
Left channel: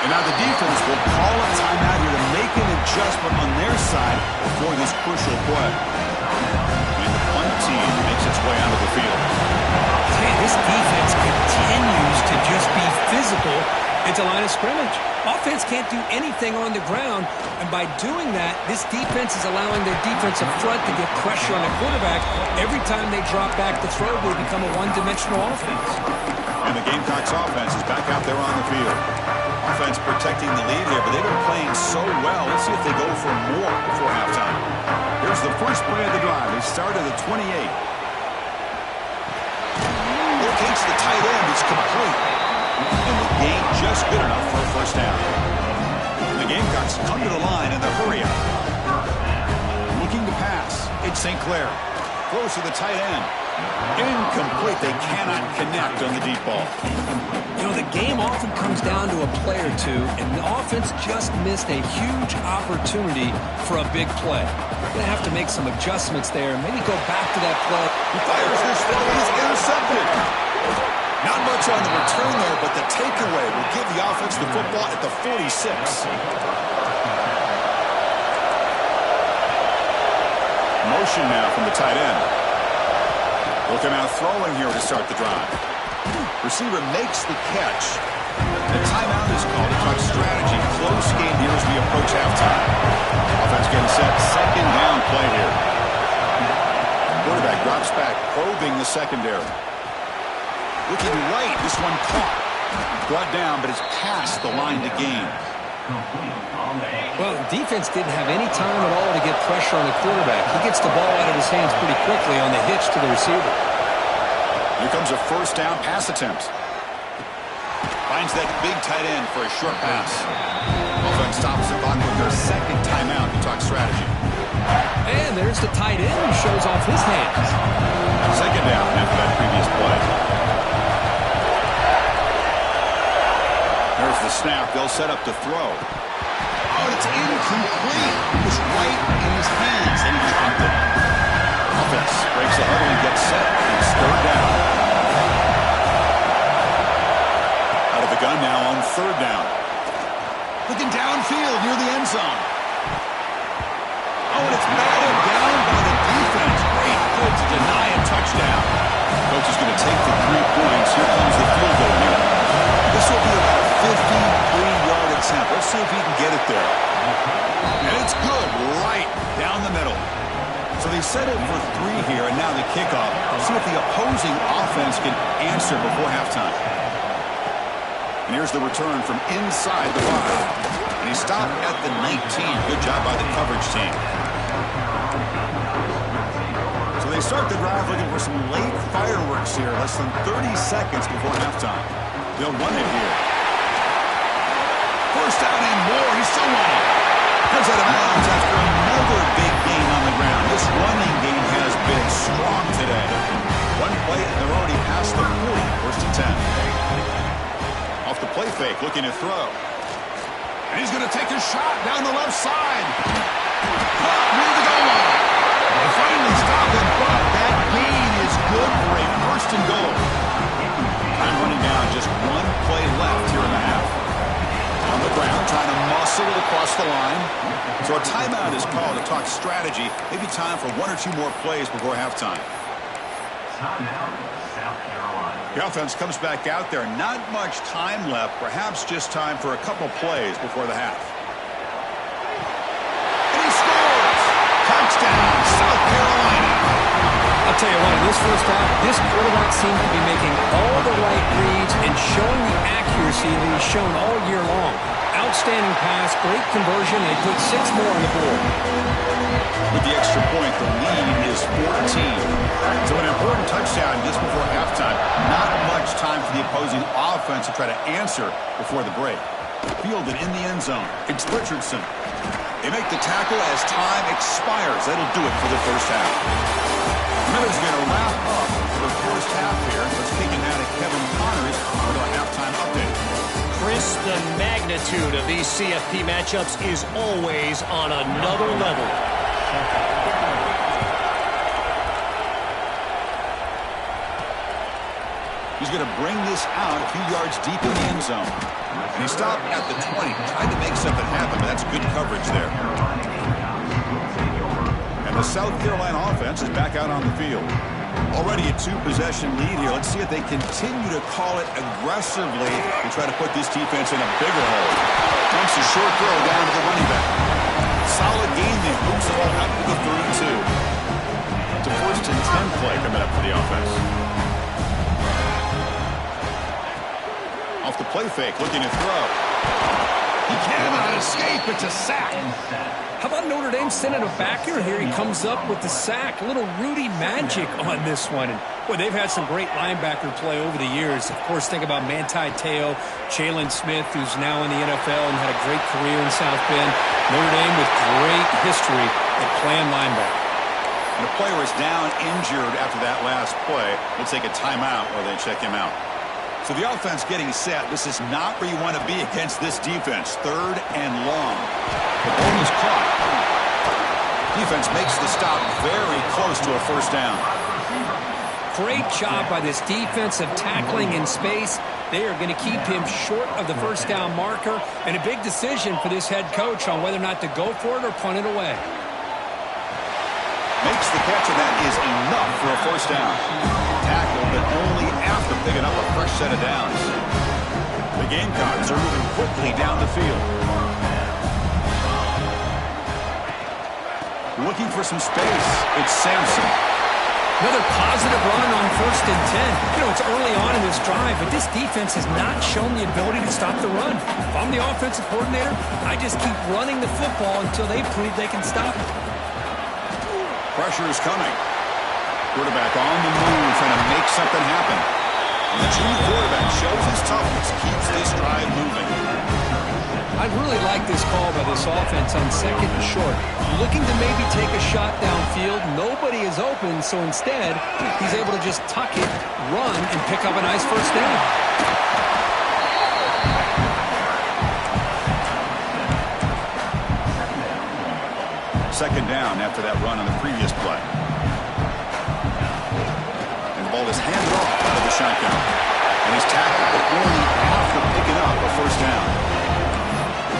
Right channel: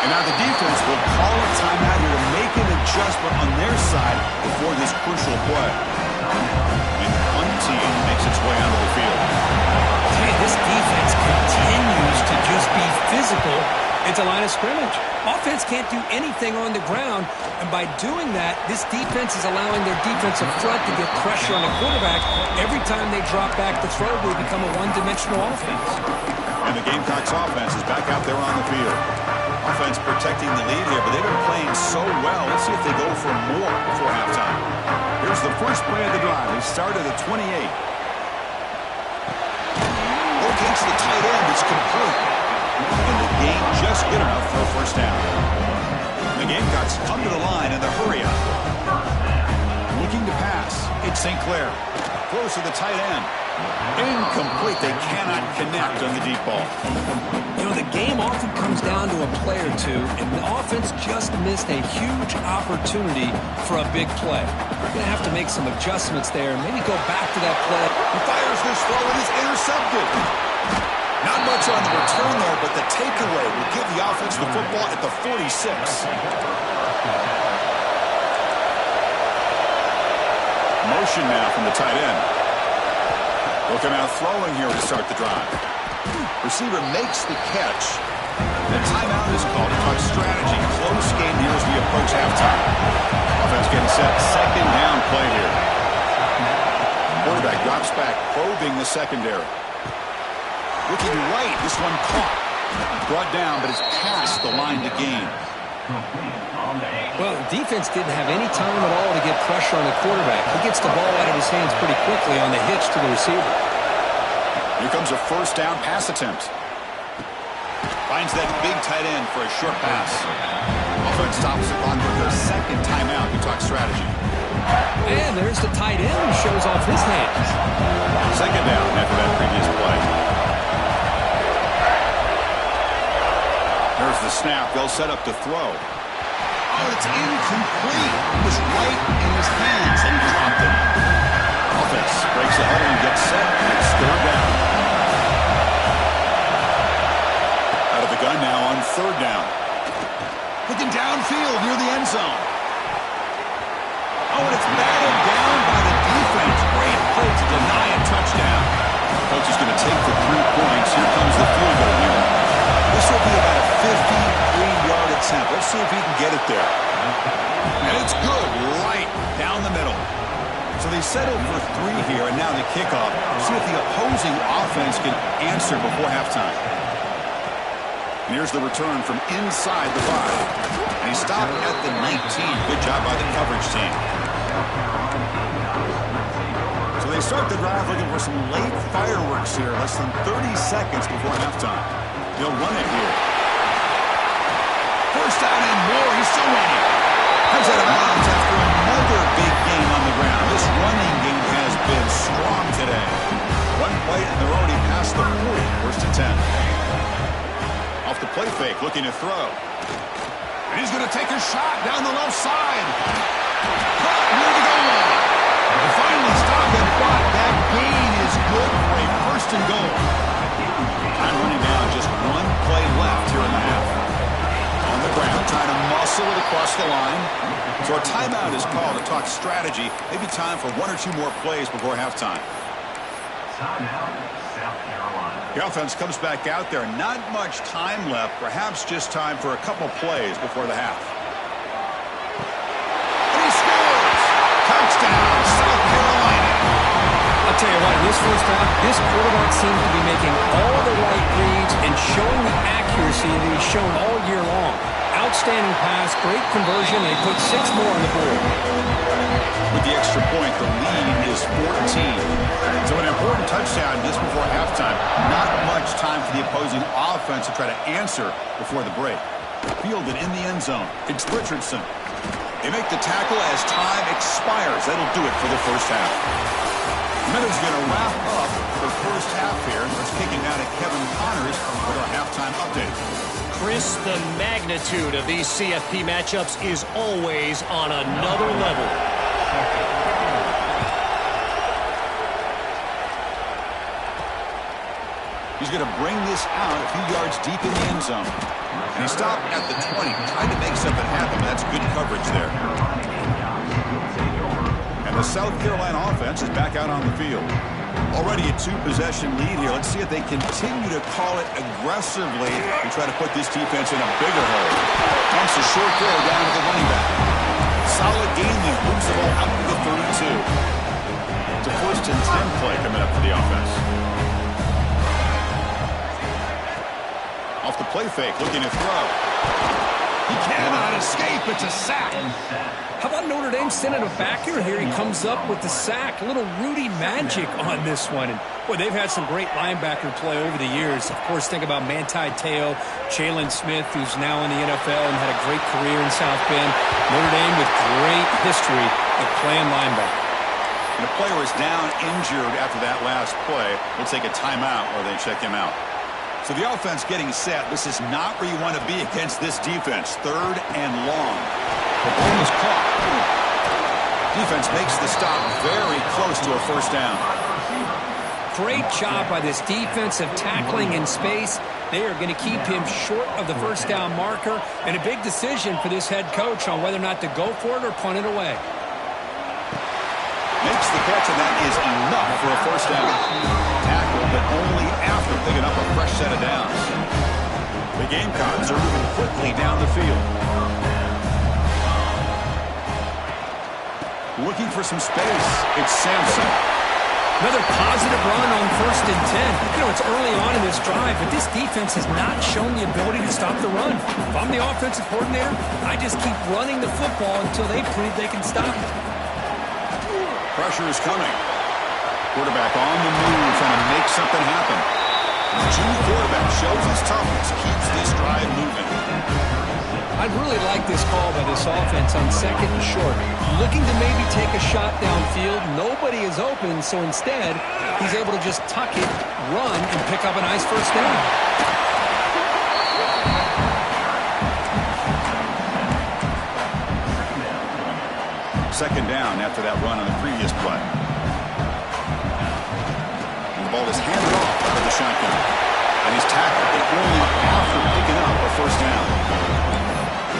And now the defense will call a timeout here to make an adjustment on their side before this crucial play. And the punt team makes its way onto the field. Hey, this defense continues to just be physical at the line of scrimmage. Offense can't do anything on the ground, and by doing that, this defense is allowing their defensive front to get pressure on the quarterback. Every time they drop back to throw, they become a one-dimensional offense. And the Gamecocks offense is back out there on the field. Offense protecting the lead here, but they've been playing so well. Let's see if they go for more before halftime. Here's the first play of the drive. They start at the 28. Locates the tight end. It's complete. And the gain just good enough for a first down. And the Gamecocks come to the line in the hurry up. Looking to pass. It's St. Clair. Throws to the tight end. Incomplete. They cannot connect on the deep ball. You know, the game often comes down to a play or two, and the offense just missed a huge opportunity for a big play. They're going to have to make some adjustments there and maybe go back to that play. He fires this throw and is intercepted. Not much on the return there, but the takeaway will give the offense the football at the 46. Motion now from the tight end. They'll come out throwing here to start the drive. Receiver makes the catch. The timeout is called to talk strategy. Close game here as we approach halftime. Offense getting set. Second down play here. Quarterback drops back, probing the secondary. Looking right. This one caught. Brought down, but it's past the line to gain. Well, defense didn't have any time at all to get pressure on the quarterback. He gets the ball out of his hands pretty quickly on the hitch to the receiver. Here comes a first down pass attempt. Finds that big tight end for a short pass. Offense stops the clock with their second timeout to talk strategy. And there's the tight end who shows off his hands. Second down after that previous play. There's the snap. They'll set up to throw. Oh, it's incomplete. It was right in his hands, and he dropped it. Offense breaks the huddle and gets set. It's third down. Out of the gun now on third down. Looking downfield near the end zone. Oh, and it's batted down by the defense. Great play to deny a touchdown. Coach is going to take the 3 points. Here comes the field goal unit. This will be about a 53-yard attempt. Let's see if he can get it there. And it's good, right down the middle. So they settled for 3 here, and now the kickoff. See if the opposing offense can answer before halftime. And here's the return from inside the 5. And he stopped at the 19. Good job by the coverage team. So they start the drive looking for some late fireworks here. Less than 30 seconds before halftime. They'll run it here. First down and more. He's still running. Comes out of bounds after another big gain on the ground. This running game has been strong today. One play and they're already past the 40. First and 10. Off the play fake, looking to throw. And he's going to take a shot down the left side. Caught near the goal line. They finally stop him, but that gain is good for a first and goal. Time running down, just 1 play left here in the half. On the ground, trying to muscle it across the line. So a timeout is called to talk strategy. Maybe time for 1 or 2 more plays before halftime. Timeout, South Carolina. The offense comes back out there. Not much time left. Perhaps just time for a couple plays before the half. And he scores! Touchdown, South Carolina. I'll tell you what, in this first half, this quarterback seems to be making all the right reads and showing the accuracy that he's shown all year long. Outstanding pass, great conversion, and he put 6 more on the board. With the extra point, the lead is 14. So an important touchdown just before halftime. Not much time for the opposing offense to try to answer before the break. Fielded in the end zone. It's Richardson. They make the tackle as time expires. That'll do it for the first half. Miller's going to wrap up the first half here. Let's kick it now to Kevin Connors with our halftime update. Chris, the magnitude of these CFP matchups is always on another level. He's going to bring this out a few yards deep in the end zone. And he stopped at the 20. Tried to make something happen, but that's good coverage there. And the South Carolina offense is back out on the field. Already a 2-possession lead here. Let's see if they continue to call it aggressively and try to put this defense in a bigger hole. Dumps a short throw down to the running back. Solid gain lead. Moves the ball out to the 32. It's a first and 10 play coming up for the offense. Off the play fake, looking to throw. He cannot escape. It's a sack. How about Notre Dame sending a back here? Here he comes up with the sack. A little Rudy magic on this one. And, boy, they've had some great linebacker play over the years. Of course, think about Manti Te'o, Jalen Smith, who's now in the NFL and had a great career in South Bend. Notre Dame with great history at playing linebacker. And the player is down injured after that last play. We'll take a timeout while they check him out. So the offense getting set. This is not where you want to be against this defense. 3rd and long. The ball is caught. Defense makes the stop very close to a first down. Great job by this defensive tackling in space. They are going to keep him short of the first down marker. And a big decision for this head coach on whether or not to go for it or punt it away. Makes the catch, and that is enough for a first down. Tackle, but only after picking up a fresh set of downs. The Gamecocks are moving quickly down the field. Looking for some space. It's Sampson. Another positive run on 1st and 10. You know, it's early on in this drive, but this defense has not shown the ability to stop the run. If I'm the offensive coordinator, I just keep running the football until they prove they can stop it. Pressure is coming. Quarterback on the move, trying to make something happen. And the junior quarterback shows his toughness, keeps this drive moving. I really like this call by this offense on 2nd and short. Looking to maybe take a shot downfield. Nobody is open, so instead, he's able to just tuck it, run, and pick up a nice 1st down. Second down after that run on the previous play. And the ball is handed off out of the shotgun. And he's tackled, but only after picking up a 1st down.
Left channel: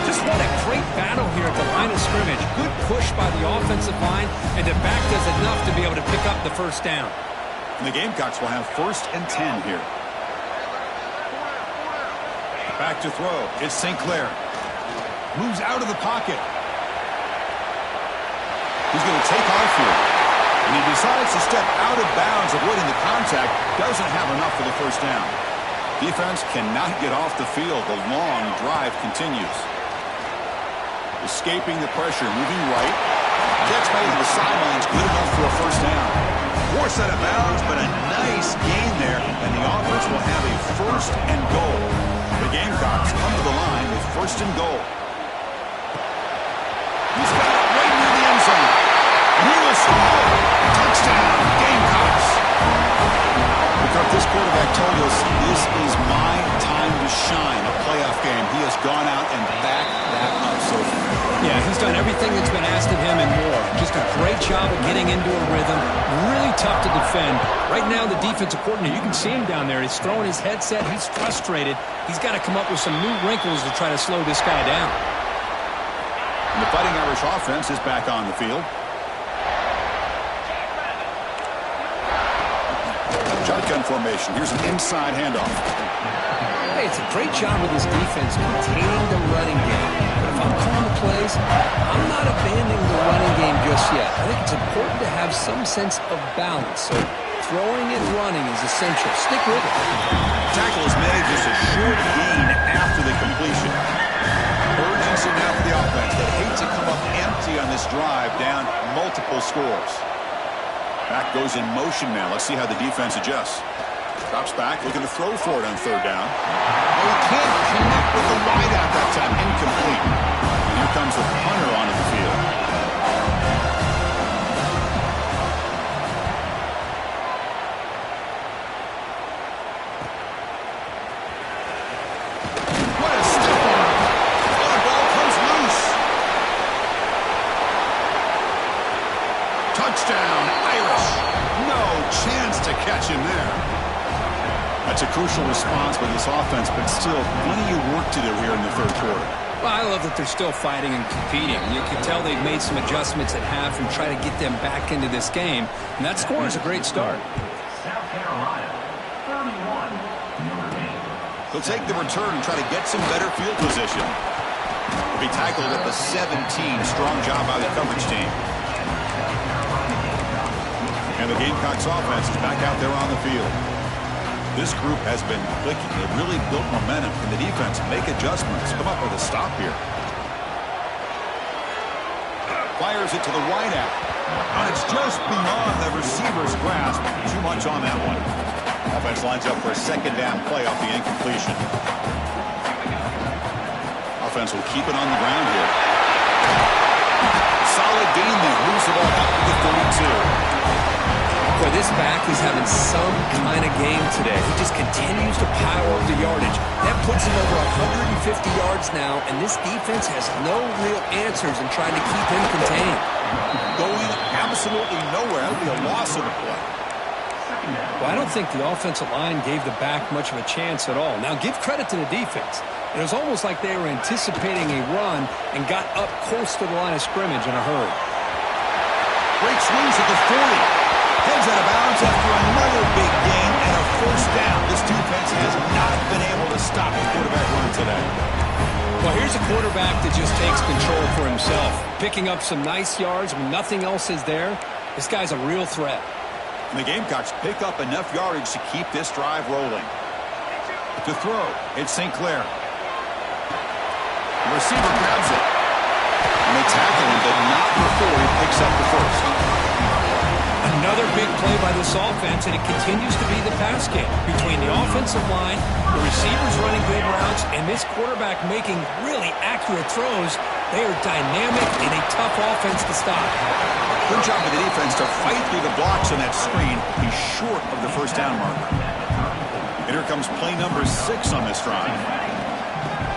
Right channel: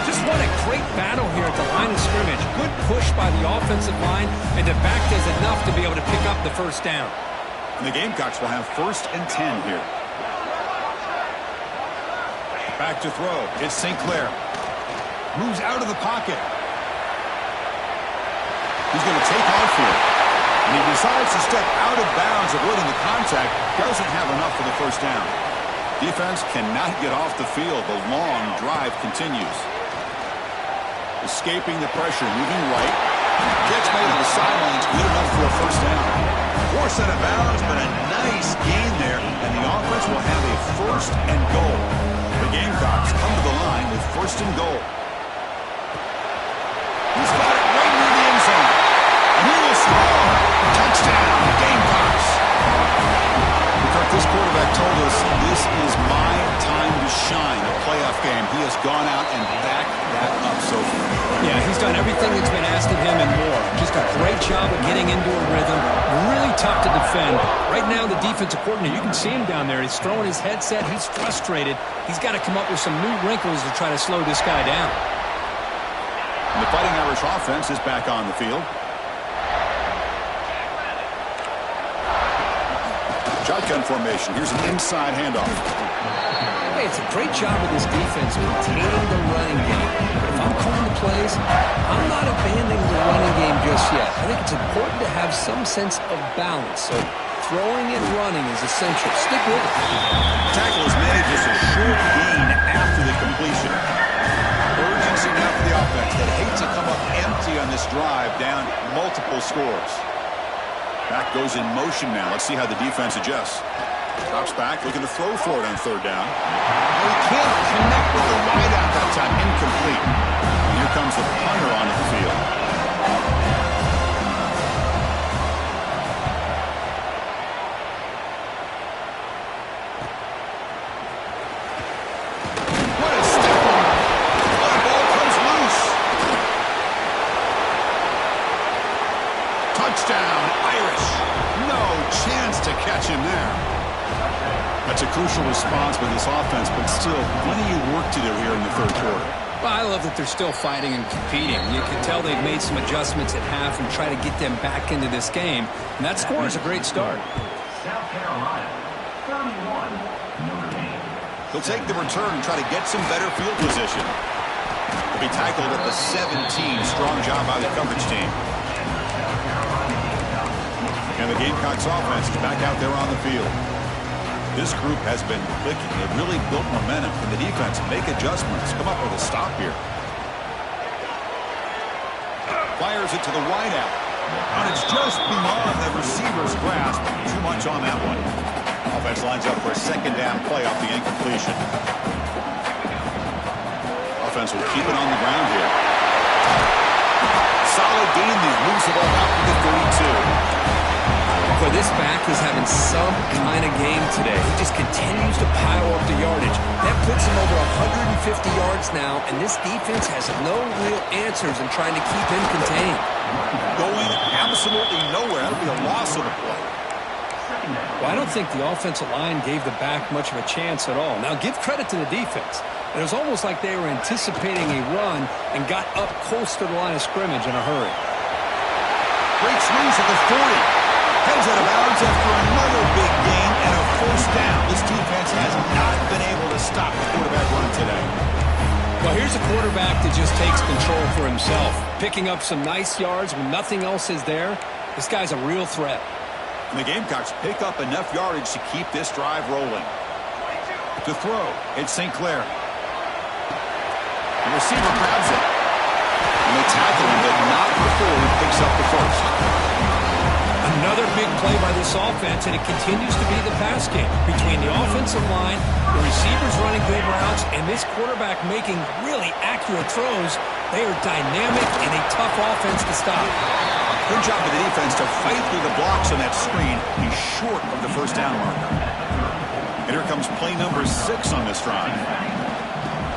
Just what a great battle here at the line of scrimmage. Good push by the offensive line, and the back does enough to be able to pick up the 1st down. And the Gamecocks will have 1st and 10 here. Back to throw. It's St. Clair. Moves out of the pocket. He's going to take off here. And he decides to step out of bounds, avoiding the contact. Doesn't have enough for the 1st down. Defense cannot get off the field. The long drive continues. Escaping the pressure, moving right. Catch made on the sidelines, good enough for a 1st down. Forced out of bounds, but a nice gain there, and the offense will have a 1st and goal. The Gamecocks come to the line with 1st and goal. He's got it right near the end zone, and he will score. Touchdown, Gamecocks. Kirk, this quarterback told us this is my time to shine, a playoff game. He has gone out and backed that up so far. Yeah, he's done everything that's been asked of him and more. Just a great job of getting into a rhythm. Really tough to defend. Right now, the defensive coordinator, you can see him down there. He's throwing his headset. He's frustrated. He's got to come up with some new wrinkles to try to slow this guy down. And the Fighting Irish offense is back on the field. Shotgun formation. Here's an inside handoff. Hey, it's a great job of this defense containing the running game. But if I'm calling the plays, I'm not abandoning the running game just yet. I think it's important to have some sense of balance. So throwing and running is essential. Stick with it. Tackle is made, just a short gain after the completion. Urgency now for the offense. That hate to come up empty on this drive, down multiple scores. Back goes in motion now. Let's see how the defense adjusts. Drops back, looking to throw for it on 3rd down. Oh, he can't connect with the wideout that time. Incomplete. And here comes the punter onto the field. What a step on! Oh, the ball comes loose. Touchdown, Irish. No chance to catch him there. That's a crucial response by this offense, but still plenty of work to do here in the 3rd quarter. Well, I love that they're still fighting and competing. You can tell they've made some adjustments at half and try to get them back into this game. And that score is a great start. South Carolina, 31, Notre Dame. He'll take the return and try to get some better field position. He'll be tackled at the 17. Strong job by the coverage team. And the Gamecocks offense is back out there on the field. This group has been clicking. They've really built momentum. Can the defense make adjustments? Come up with a stop here. Fires it to the wideout. And it's just beyond the receiver's grasp. Too much on that one. Offense lines up for a 2nd down play off the incompletion. Offense will keep it on the ground here. Solid gain there. Moves the ball up to the 32. Boy, this back is having some kind of game today. He just continues to pile up the yardage. That puts him over 150 yards now, and this defense has no real answers in trying to keep him contained. Going absolutely nowhere. That'll be a loss of the play. Well, I don't think the offensive line gave the back much of a chance at all. Now, give credit to the defense. It was almost like they were anticipating a run and got up close to the line of scrimmage in a hurry. Great swings at the 40. Heads out of bounds after another big gain and a 1st down. This defense has not been able to stop the quarterback run today. Well, here's a quarterback that just takes control for himself. Picking up some nice yards when nothing else is there. This guy's a real threat. And the Gamecocks pick up enough yardage to keep this drive rolling. To throw, it's St. Clair. The receiver grabs it. And they tackle him, but not before he picks up the first. Another big play by this offense, and it continues to be the pass game. Between the offensive line, the receivers running good routes, and this quarterback making really accurate throws, they are dynamic and a tough offense to stop. Good job of the defense to fight through the blocks on that screen. He's short of the first down marker. And here comes play number 6 on this drive.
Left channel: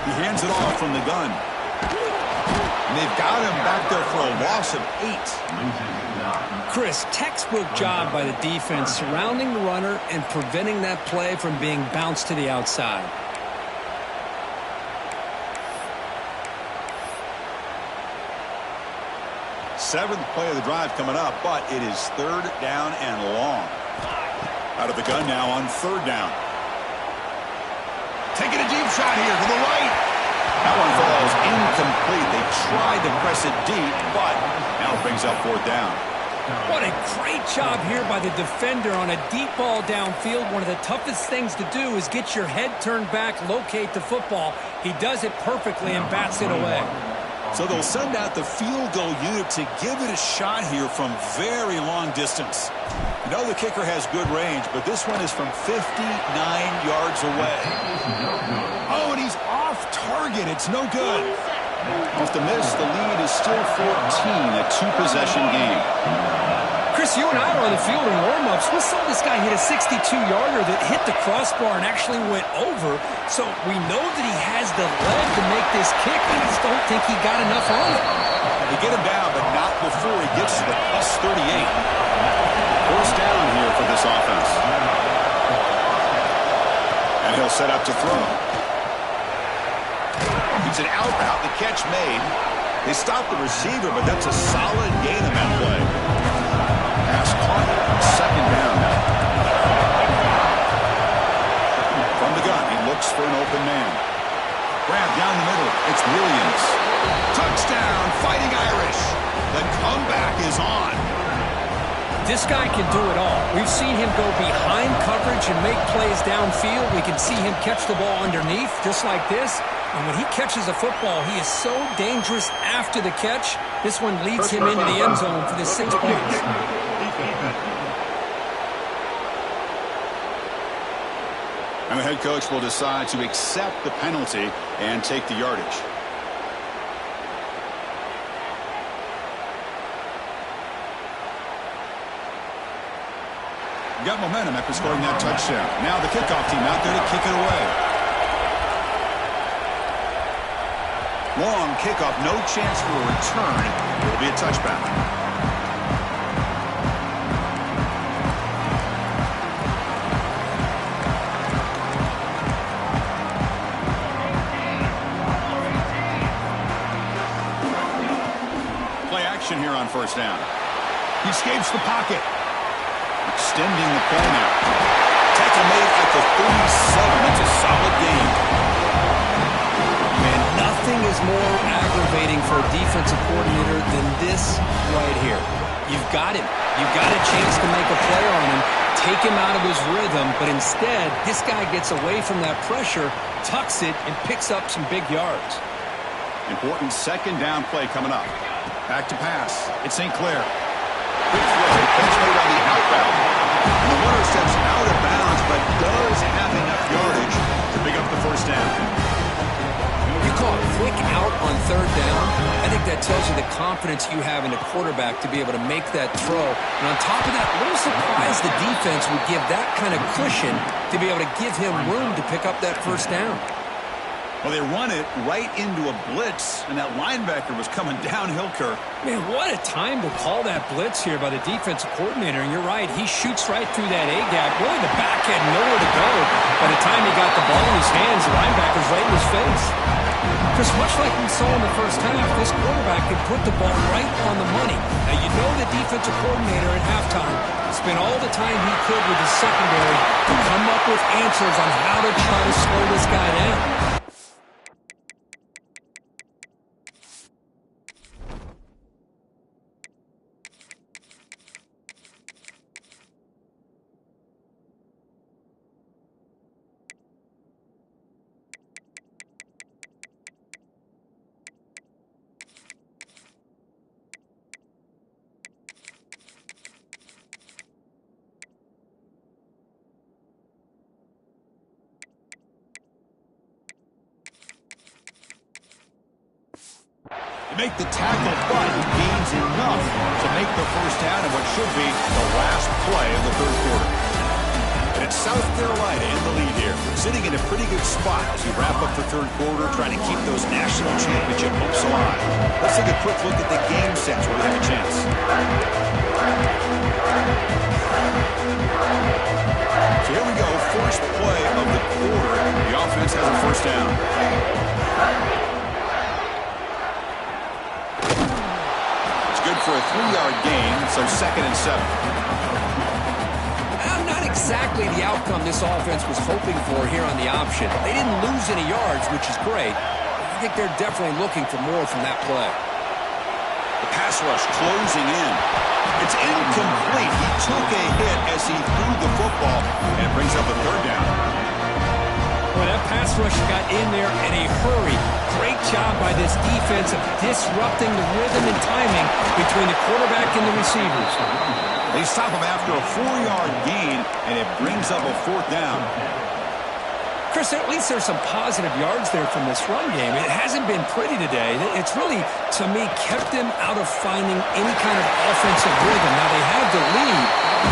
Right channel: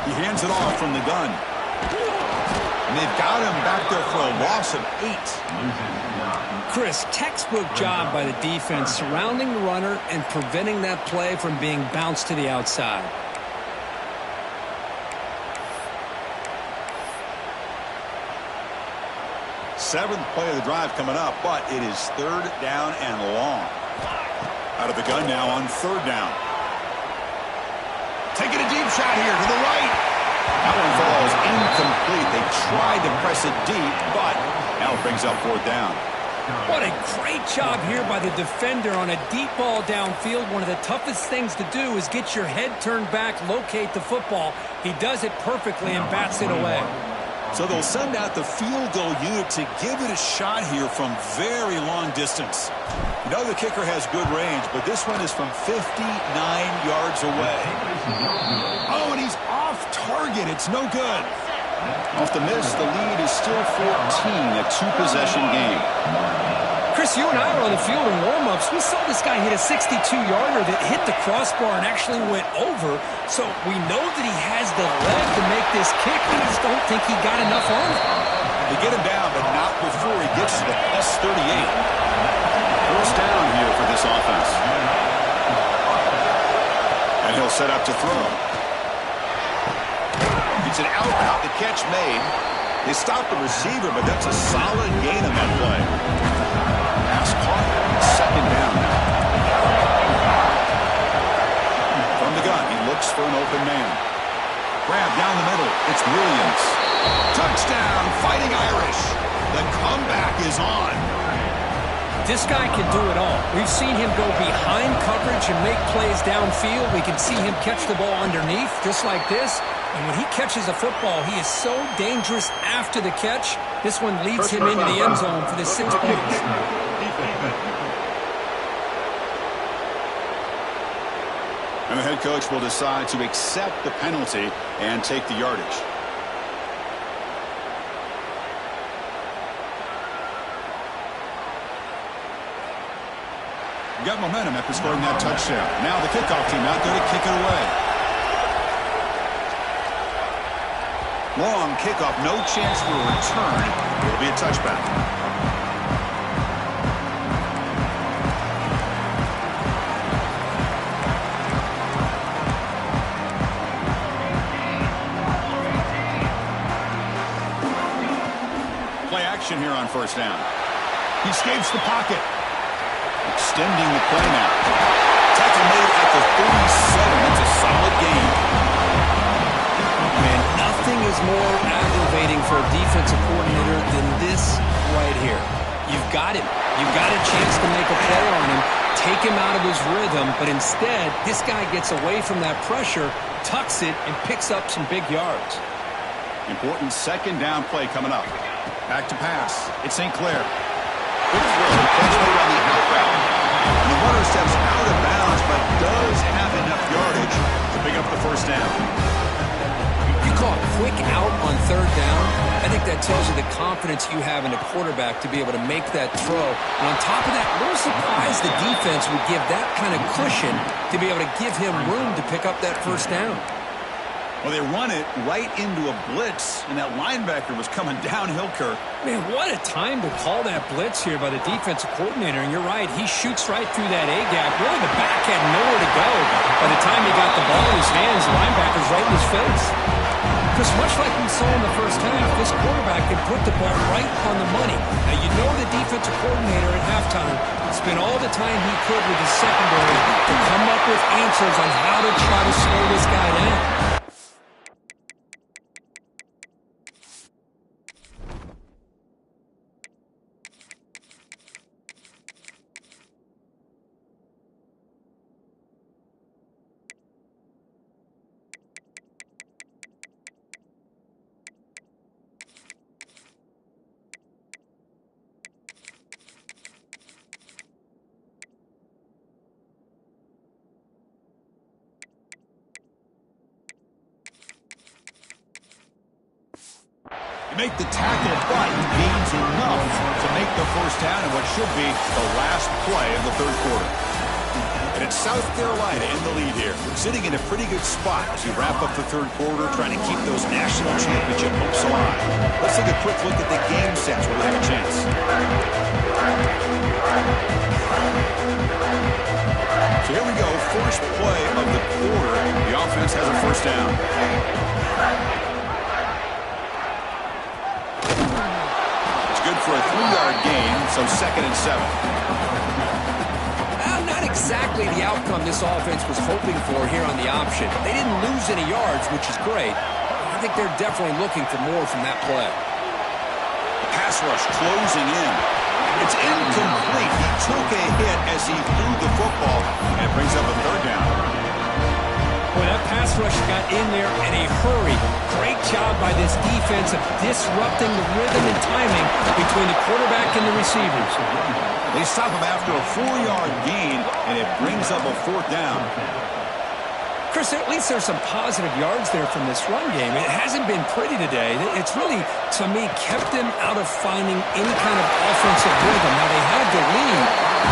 He hands it off from the gun. And they've got him back there for a loss of 8. Chris, textbook job by the defense surrounding the runner and preventing that play from being bounced to the outside. Seventh play of the drive coming up, but it is 3rd down and long. Out of the gun now on 3rd down. Taking a deep shot here to the right. That one falls incomplete. They tried to press it deep, but now it brings up 4th down. What a great job here by the defender on a deep ball downfield. One of the toughest things to do is get your head turned back, locate the football. He does it perfectly and bats it away. So they'll send out the field goal unit to give it a shot here from very long distance. You know the kicker has good range, but this one is from 59 yards away. Oh, and he's off target. It's no good. Off the miss, the lead is still 14, a 2-possession game. Chris, you and I were on the field in warm-ups. We saw this guy hit a 62-yarder that hit the crossbar and actually went over. So we know that he has the leg to make this kick. I just don't think he got enough on it. They get him down, but not before he gets to the plus 38. 1st down here for this offense. And he'll set up to throw. It's an out route, the catch made. They stop the receiver, but that's a solid gain on that play. Pass caught. 2nd down now. From the gun, he looks for an open man. Grab down the middle. It's Williams. Touchdown, Fighting Irish. The comeback is on. This guy can do it all. We've seen him go behind coverage and make plays downfield. We can see him catch the ball underneath, just like this. And when he catches a football, he is so dangerous after the catch. This one leads him into the end zone for the 6 points. And the head coach will decide to accept the penalty and take the yardage. Got momentum after scoring that touchdown. Now the kickoff team out there to kick it away. Long kickoff, no chance for a return. It'll be a touchback. Play action here on 1st down. He escapes the pocket. Extending the play now. Tackle made at the 37. That's a solid gain. Man, nothing is more aggravating for a defensive coordinator than this right here. You've got him. You've got a chance to make a play on him, take him out of his rhythm, but instead, this guy gets away from that pressure, tucks it, and picks up some big yards. Important 2nd down play coming up. Back to pass. It's St. Clair. Quick throw, catch made on the out route. And the runner steps out of bounds, but does have enough yardage to pick up the 1st down. You call a quick out on 3rd down. I think that tells you the confidence you have in a quarterback to be able to make that throw. And on top of that, a little surprised the defense would give that kind of cushion to be able to give him room to pick up that 1st down. Well, they run it right into a blitz, and that linebacker was coming downhill, Kirk. Man, what a time to call that blitz here by the defensive coordinator. And you're right, he shoots right through that A-gap. Really, the back had nowhere to go. By the time he got the ball in his hands, the linebacker's right in his face. Chris, much like we saw in the first half, this quarterback can put the ball right on the money. Now, you know the defensive coordinator at halftime spent all the time he could with his secondary to come up with answers on how to try to slow this guy down. make the tackle, but he gains enough to make the first down in what should be the last play of the third quarter. And it's South Carolina in the lead here, sitting in a pretty good spot as we wrap up the third quarter, trying to keep those national championship hopes alive. Let's take a quick look at the game sets where we have a chance. So here we go, first play of the quarter. The offense has a first down. It's good for a 3-yard gain, so 2nd and 7. Not exactly the outcome this offense was hoping for here on the option. They didn't lose any yards, which is great. I think they're definitely looking for more from that play. The pass rush closing in. It's incomplete. He took a hit as he threw the football, and it brings up a third down. Boy, that pass rush got in there in a hurry. Great job by this defense of disrupting the rhythm and timing between the quarterback and the receivers. They stop him after a 4-yard gain, and it brings up a 4th down. Chris, at least there's some positive yards there from this run game. It hasn't been pretty today. It's really, to me, kept them out of finding any kind of offensive rhythm. Now, they had the lead,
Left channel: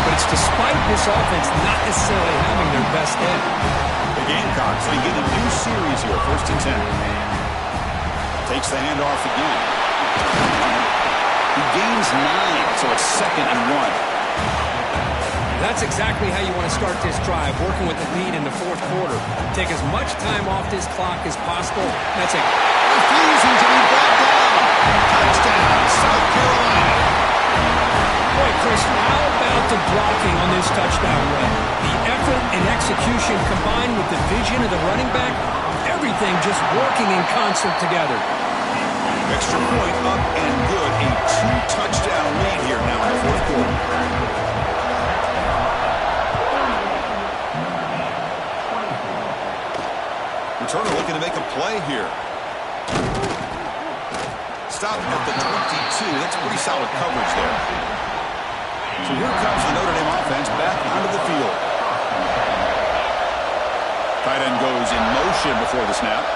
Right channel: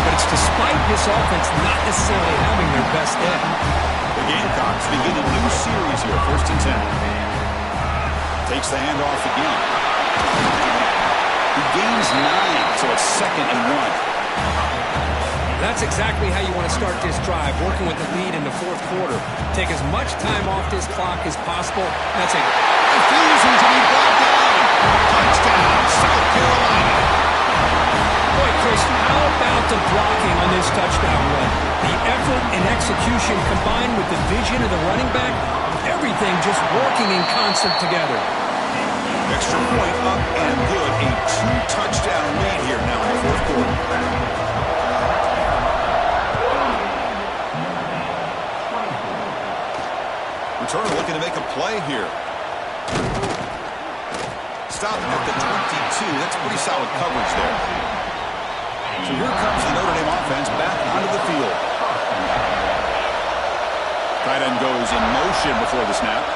but it's despite this offense not necessarily having their best day. The Gamecocks begin a new series here, 1st and 10. Takes the handoff again. He gains 9, so it's 2nd and 1. That's exactly how you want to start this drive, working with the lead in the fourth quarter. Take as much time off this clock as possible. That's a refusing to be brought down. Touchdown, South Carolina. Boy, Chris, how about the blocking on this touchdown run? The effort and execution combined with the vision of the running back, everything just working in concert together. Extra point up and good. A 2-touchdown lead here now in the fourth quarter. Returner looking to make a play here. Stop at the 22. That's pretty solid coverage there. So here comes the Notre Dame offense back onto the field. Tight end goes in motion before the snap.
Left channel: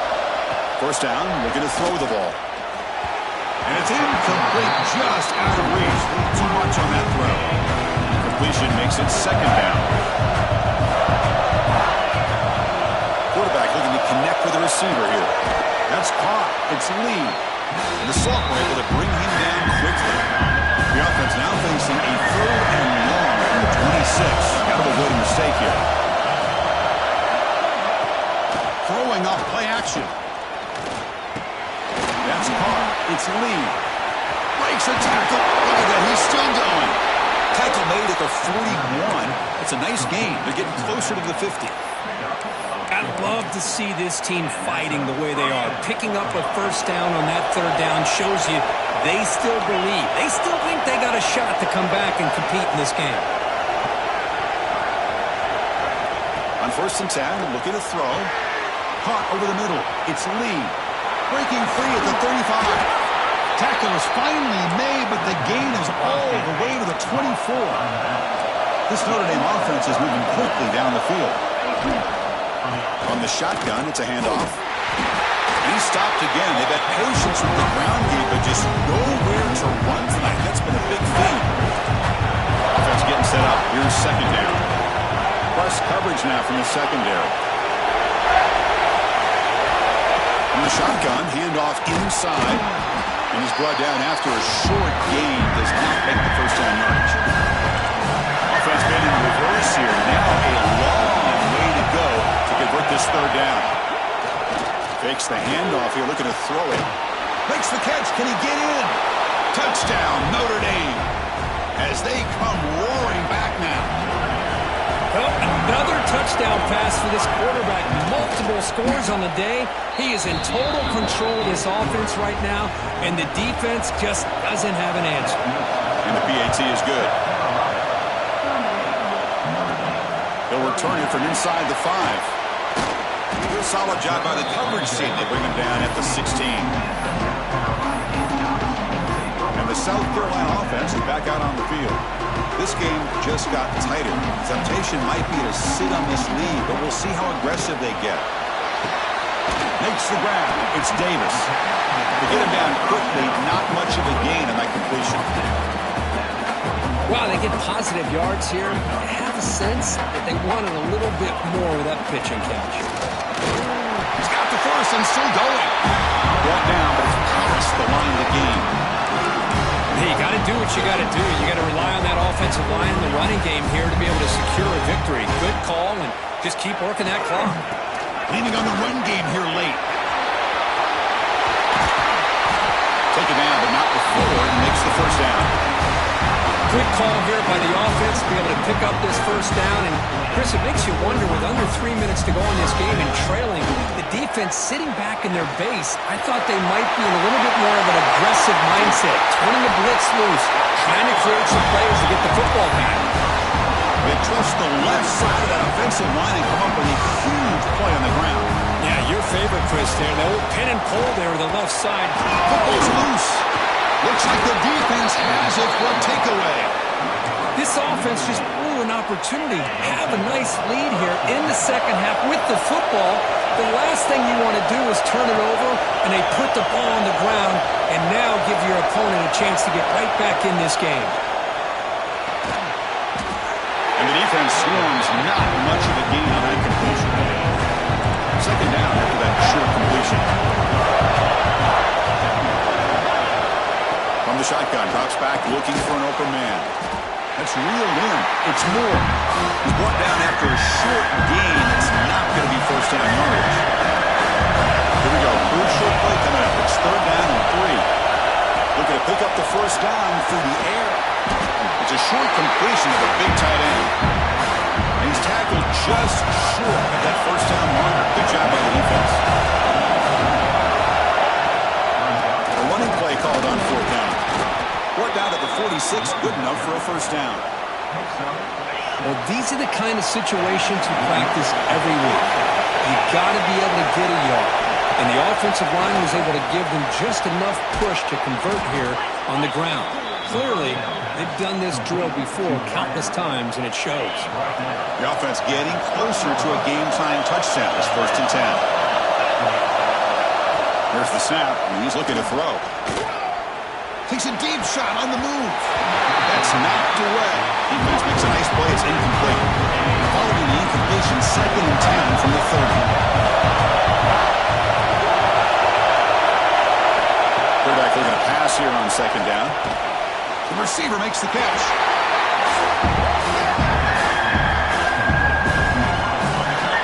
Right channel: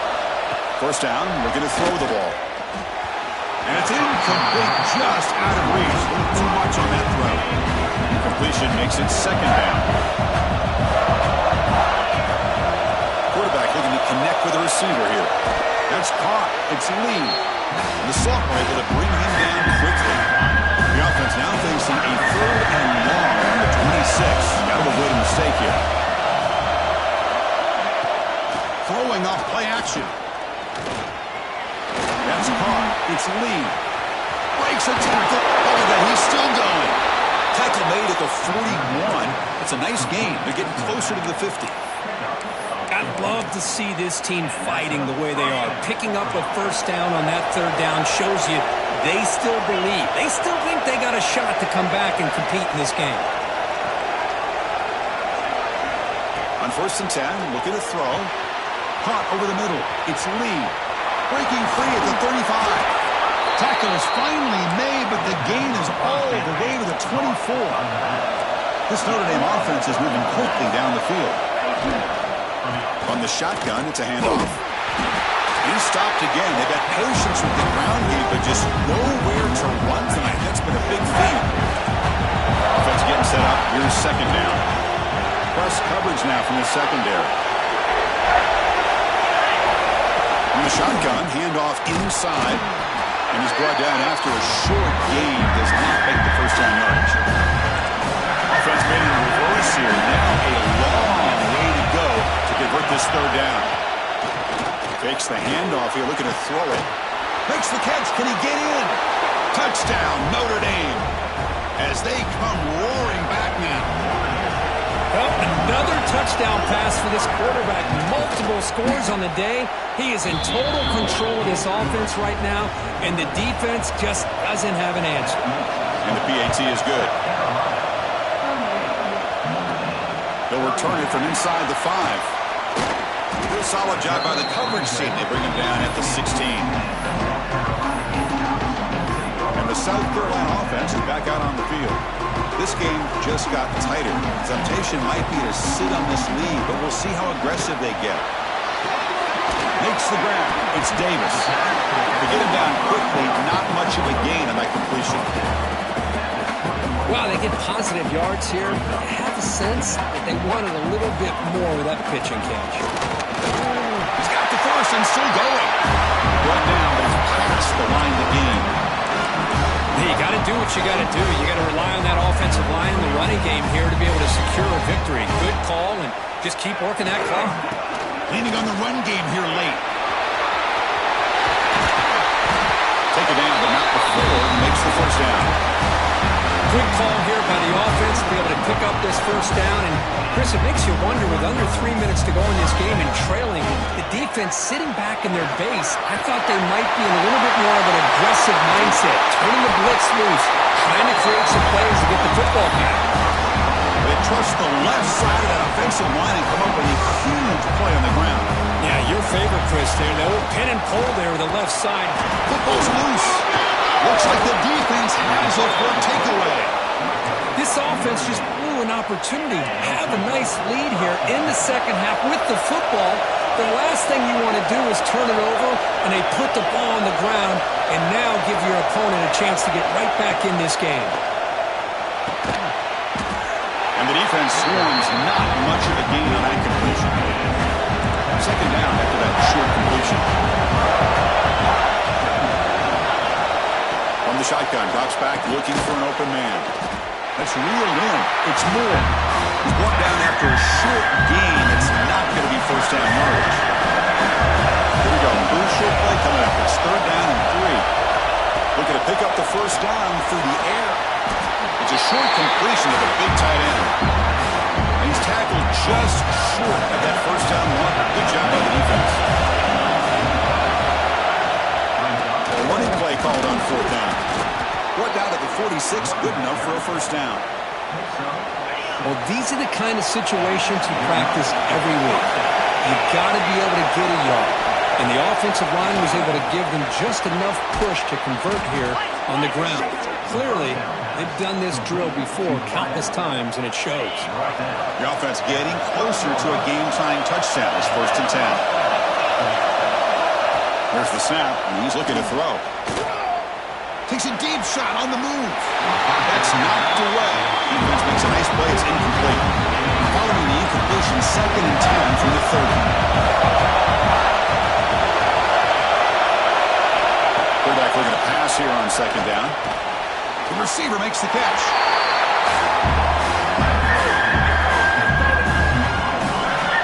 First down, looking to throw the ball. And it's incomplete, just out of reach. A little too much on that throw. Completion makes it 2nd down. Quarterback looking to connect with the receiver here. That's caught. It's Lee. And the sophomore able to bring him down quickly. The offense now facing a 3rd and long on the 26. Got to avoid a mistake here. Throwing off play action. That's caught. It's Lee. Breaks a tackle. Look at that. He's still going. Tackle made at the 41. It's a nice gain. They're getting closer to the 50. I'd love to see this team fighting the way they are. Picking up a first down on that 3rd down shows you they still believe. They still think they got a shot to come back and compete in this game. On 1st and 10, looking to throw. Caught over the middle. It's Lee. Breaking free at the 35. Tackle is finally made, but the gain is all the way to the 24. This Notre Dame offense is moving quickly down the field. On the shotgun, it's a handoff. And he's stopped again. They've had patience with the ground game, but just nowhere to run tonight. That's been a big theme. Offense getting set up. Here's 2nd down. Press coverage now from the secondary. On the shotgun, handoff inside. And he's brought down after a short gain. Does not make the first down yardage. Offense been in reverse here. Now a long way to go to convert this 3rd down. Fakes the handoff here, looking to throw it. Makes the catch. Can he get in? Touchdown, Notre Dame. As they come roaring back now. Well, another touchdown pass for this quarterback. Multiple scores on the day. He is in total control of this offense right now, and the defense just doesn't have an answer. And the PAT is good. He'll return it from inside the 5. Solid job by the coverage team. They bring him down at the 16. And the South Carolina offense is back out on the field. This game just got tighter. Temptation might be to sit on this lead, but we'll see how aggressive they get. Makes the grab. It's Davis. To get him down quickly, not much of a gain on that completion. Wow, they get positive yards here. I have a sense that they wanted a little bit more with that pitch and catch. He's got the first and still going. Brought down, but it's past the line of the game. Hey, you got to do what you got to do. You got to rely on that offensive line and the running game here to be able to secure a victory. Good call, and just keep working that clock. Leaning on the run game here late. Take it down, but not before he makes the first down. Good call here by the offense to be able to pick up this first down. And, Chris, it makes you wonder, with under 3 minutes to go in this game and trailing, the defense sitting back in their base, I thought they might be in a little bit more of an aggressive mindset, turning the blitz loose, trying to create some plays to get the football back. They trust the left side of that offensive line and come up with a huge play on the ground. Yeah, your favorite, Chris, there. The old pin and pull there with the left side. Football's loose. Looks like the defense has it for a takeaway. This offense just blew an opportunity. Have a nice lead here in the second half with the football. The last thing you want to do is turn it over, and they put the ball on the ground and now give your opponent a chance to get right back in this game. And the defense swarms not much of a gain on that completion. Second down after that short completion. From the shotgun, drops back looking for an open man. That's reeled in. It's Moore. He's brought down after a short gain that's not going to be first down yardage. Here we go. Crucial play coming up. It's third down and 3. Looking to pick up the first down through the air. It's a short completion to the big tight end. And he's tackled just short of that first down marker. Good job by the defense. A running play called on fourth down. Brought down to the 46, good enough for a first down. Well, these are the kind of situations you practice every week. You've got to be able to get a yard. And the offensive line was able to give them just enough push to convert here on the ground. Clearly, they've done this drill before countless times, and it shows. The offense getting closer to a game-tying touchdown. It's first and 10. There's the snap, and he's looking to throw. Takes a deep shot on the move. That's knocked away. Defense makes a nice play. It's incomplete. Following the incompletion, second and 10 from the 30. Quarterback looking to pass here on second down. The receiver makes the catch.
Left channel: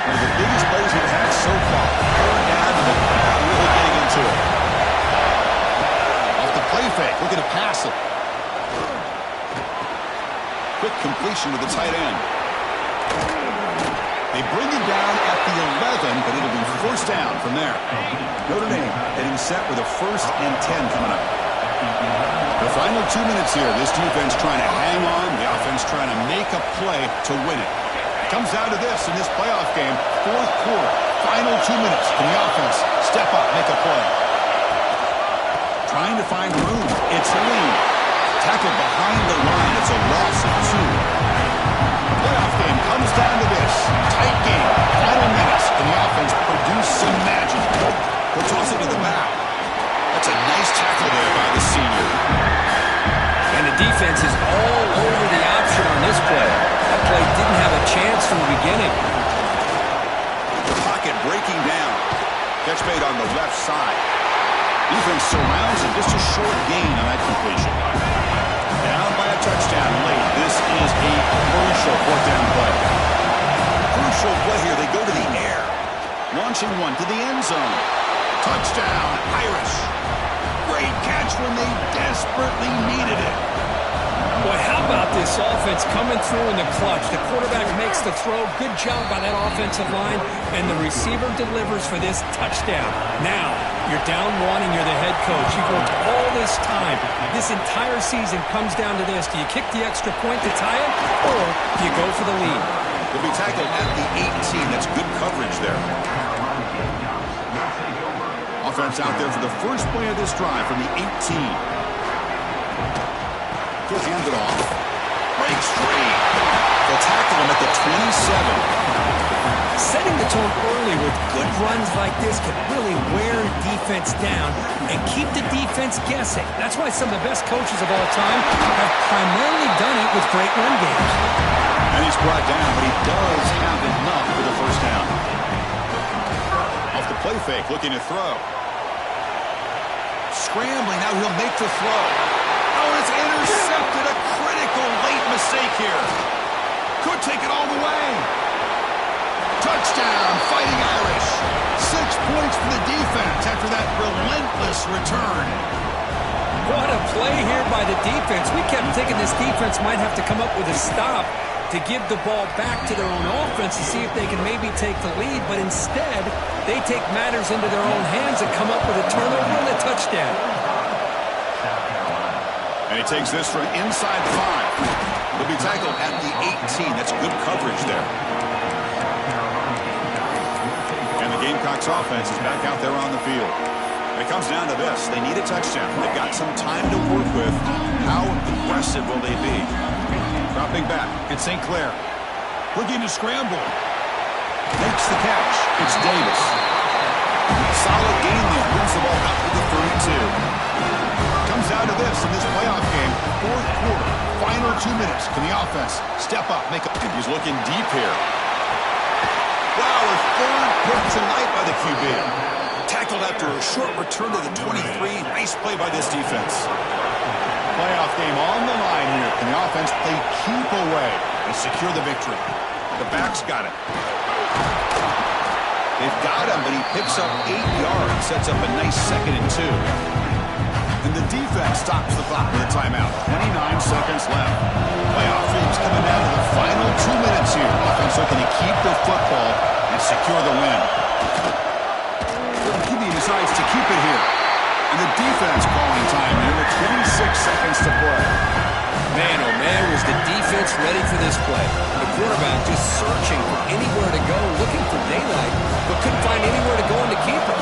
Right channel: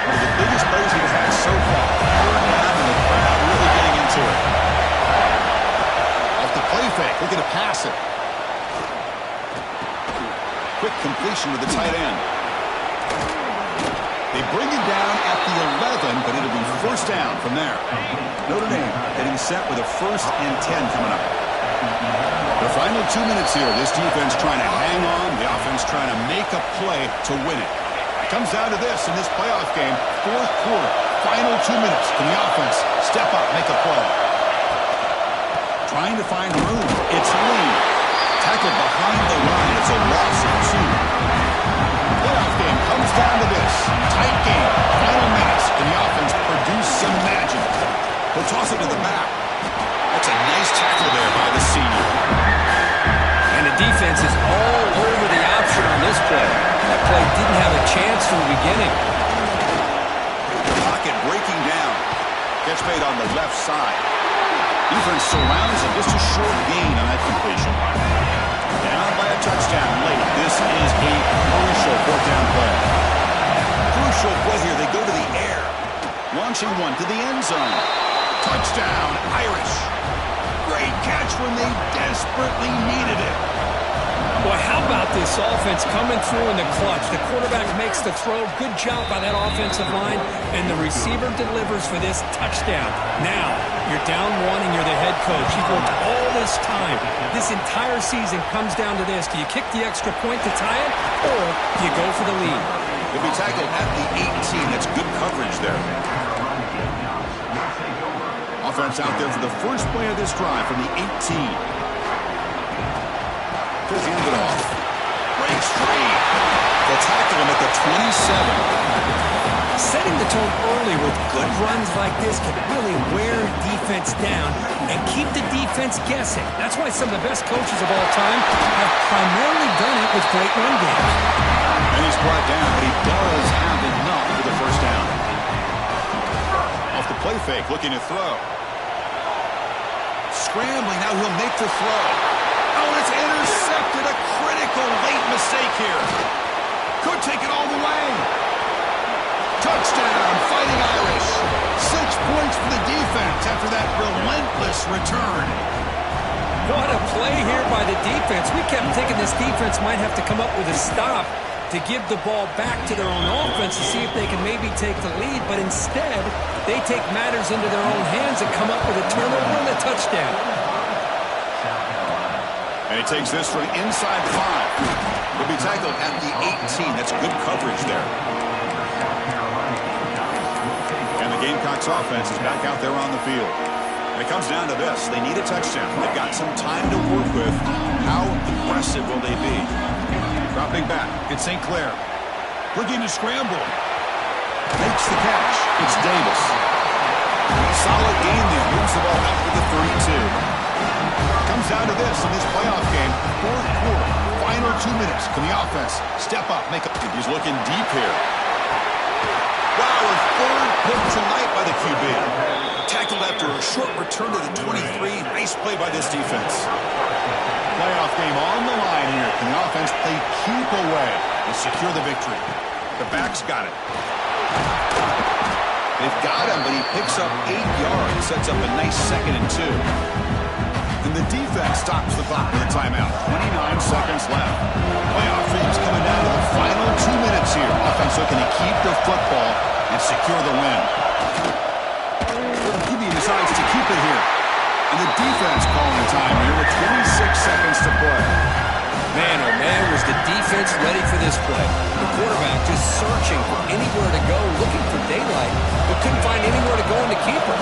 One of the biggest plays we've had so far. Third down and the crowd really getting into it. Off the play fake, looking to pass it. Quick completion to the tight end. They bring him down at the 11, but it'll be first down from there. Notre Dame getting set with a first and 10 coming up. The final 2 minutes here. This defense trying to hang on. The offense trying to make a play to win it. It comes down to this in this playoff game. Fourth quarter. Final 2 minutes. Can the offense step up, make a play? Trying to find room. It's Lee. Tackled behind the line. It's a loss of 2. The playoff game comes down to this. Tight game. Final minutes. Can the offense produce some magic? He'll toss it to the back. That's a nice tackle there by the senior. And the defense is all over the option on this play. That play didn't have a chance from the beginning. The pocket breaking down. Catch made on the left side. Defense surrounds him. Just a short gain on that completion. Down by a touchdown late. This is a crucial fourth down play. Crucial play here. They go to the air. Launching one to the end zone. Touchdown, Irish. Great catch when they desperately needed it. Boy, how about this offense coming through in the clutch? The quarterback makes the throw. Good job by that offensive line. And the receiver delivers for this touchdown. Now, you're down 1 and you're the head coach. You've worked all this time. This entire season comes down to this. Do you kick the extra point to tie it, or do you go for the lead? He'll be tackled at the 18. That's good coverage there. Offense out there for the first play of this drive from the 18. He'll hand it off. Breaks free. They'll tackle him at the 27. Setting the tone early with good runs like this can really wear defense down and keep the defense guessing. That's why some of the best coaches of all time have primarily done it with great run games. And he's brought down, but he does have enough for the first down. Off the play fake, looking to throw. Scrambling, now he'll make the throw. Oh, and it's intercepted. A critical late mistake here. Could take it all the way. Touchdown, Fighting Irish. 6 points for the defense after that relentless return. What a play here by the defense. We kept thinking this defense might have to come up with a stop to give the ball back to their own offense to see if they can maybe take the lead, but instead, they take matters into their own hands and come up with a turnover and a touchdown. And he takes this from inside the 5. He'll be tackled at the 18. That's good coverage there. And the Gamecocks offense is back out there on the field. And it comes down to this. They need a touchdown. They've got some time to work with. How aggressive will they be? Dropping back, it's St. Clair. Looking to scramble. Makes the catch. It's Davis. Solid gain there. Moves the ball up to the 32. Comes down to this in this playoff game. Fourth quarter. Final 2 minutes. Can the offense step up? He's looking deep here. Wow, a third pick tonight by the QB. Tackled after a short return to the 23. Nice play by this defense. Playoff game on the line here. Can the offense play keep away and secure the victory? The back's got it. They've got him, but he picks up 8 yards. Sets up a nice 2nd and 2. And the defense stops the clock with a timeout. 29 seconds left. Playoff dreams coming down to the final 2 minutes here. Offense looking to keep the football and secure the win. QB decides to keep it here. And the defense calling time here with 26 seconds to play. Man, oh man, was the defense ready for this play. The quarterback just searching for anywhere to go, looking for daylight, but couldn't find anywhere to go in the keeper.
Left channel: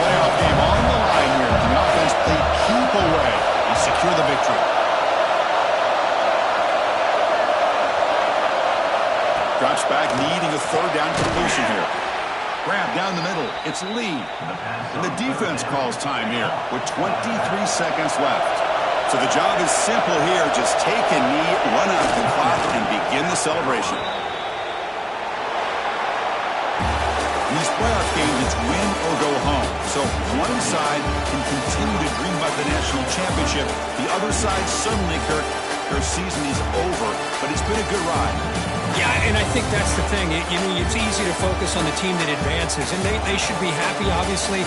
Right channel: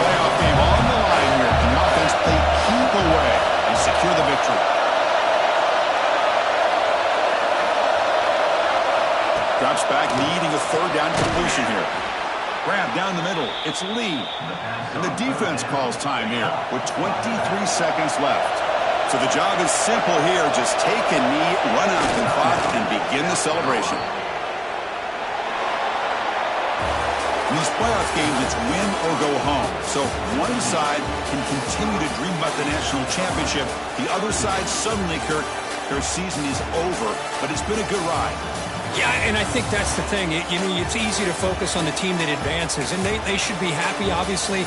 Playoff game on the line here. Can the offense play keep away and secure the victory? Drops back, needing a 3rd down completion here. Grab down the middle. It's Lee. And the defense calls time here with 23 seconds left. So the job is simple here. Just take a knee, run out the clock, and begin the celebration. In these playoff games, it's win or go home. So one side can continue to dream about the national championship. The other side, suddenly, Kirk, their season is over. But it's been a good ride. Yeah, and I think that's the thing. It's easy to focus on the team that advances, and they should be happy, obviously.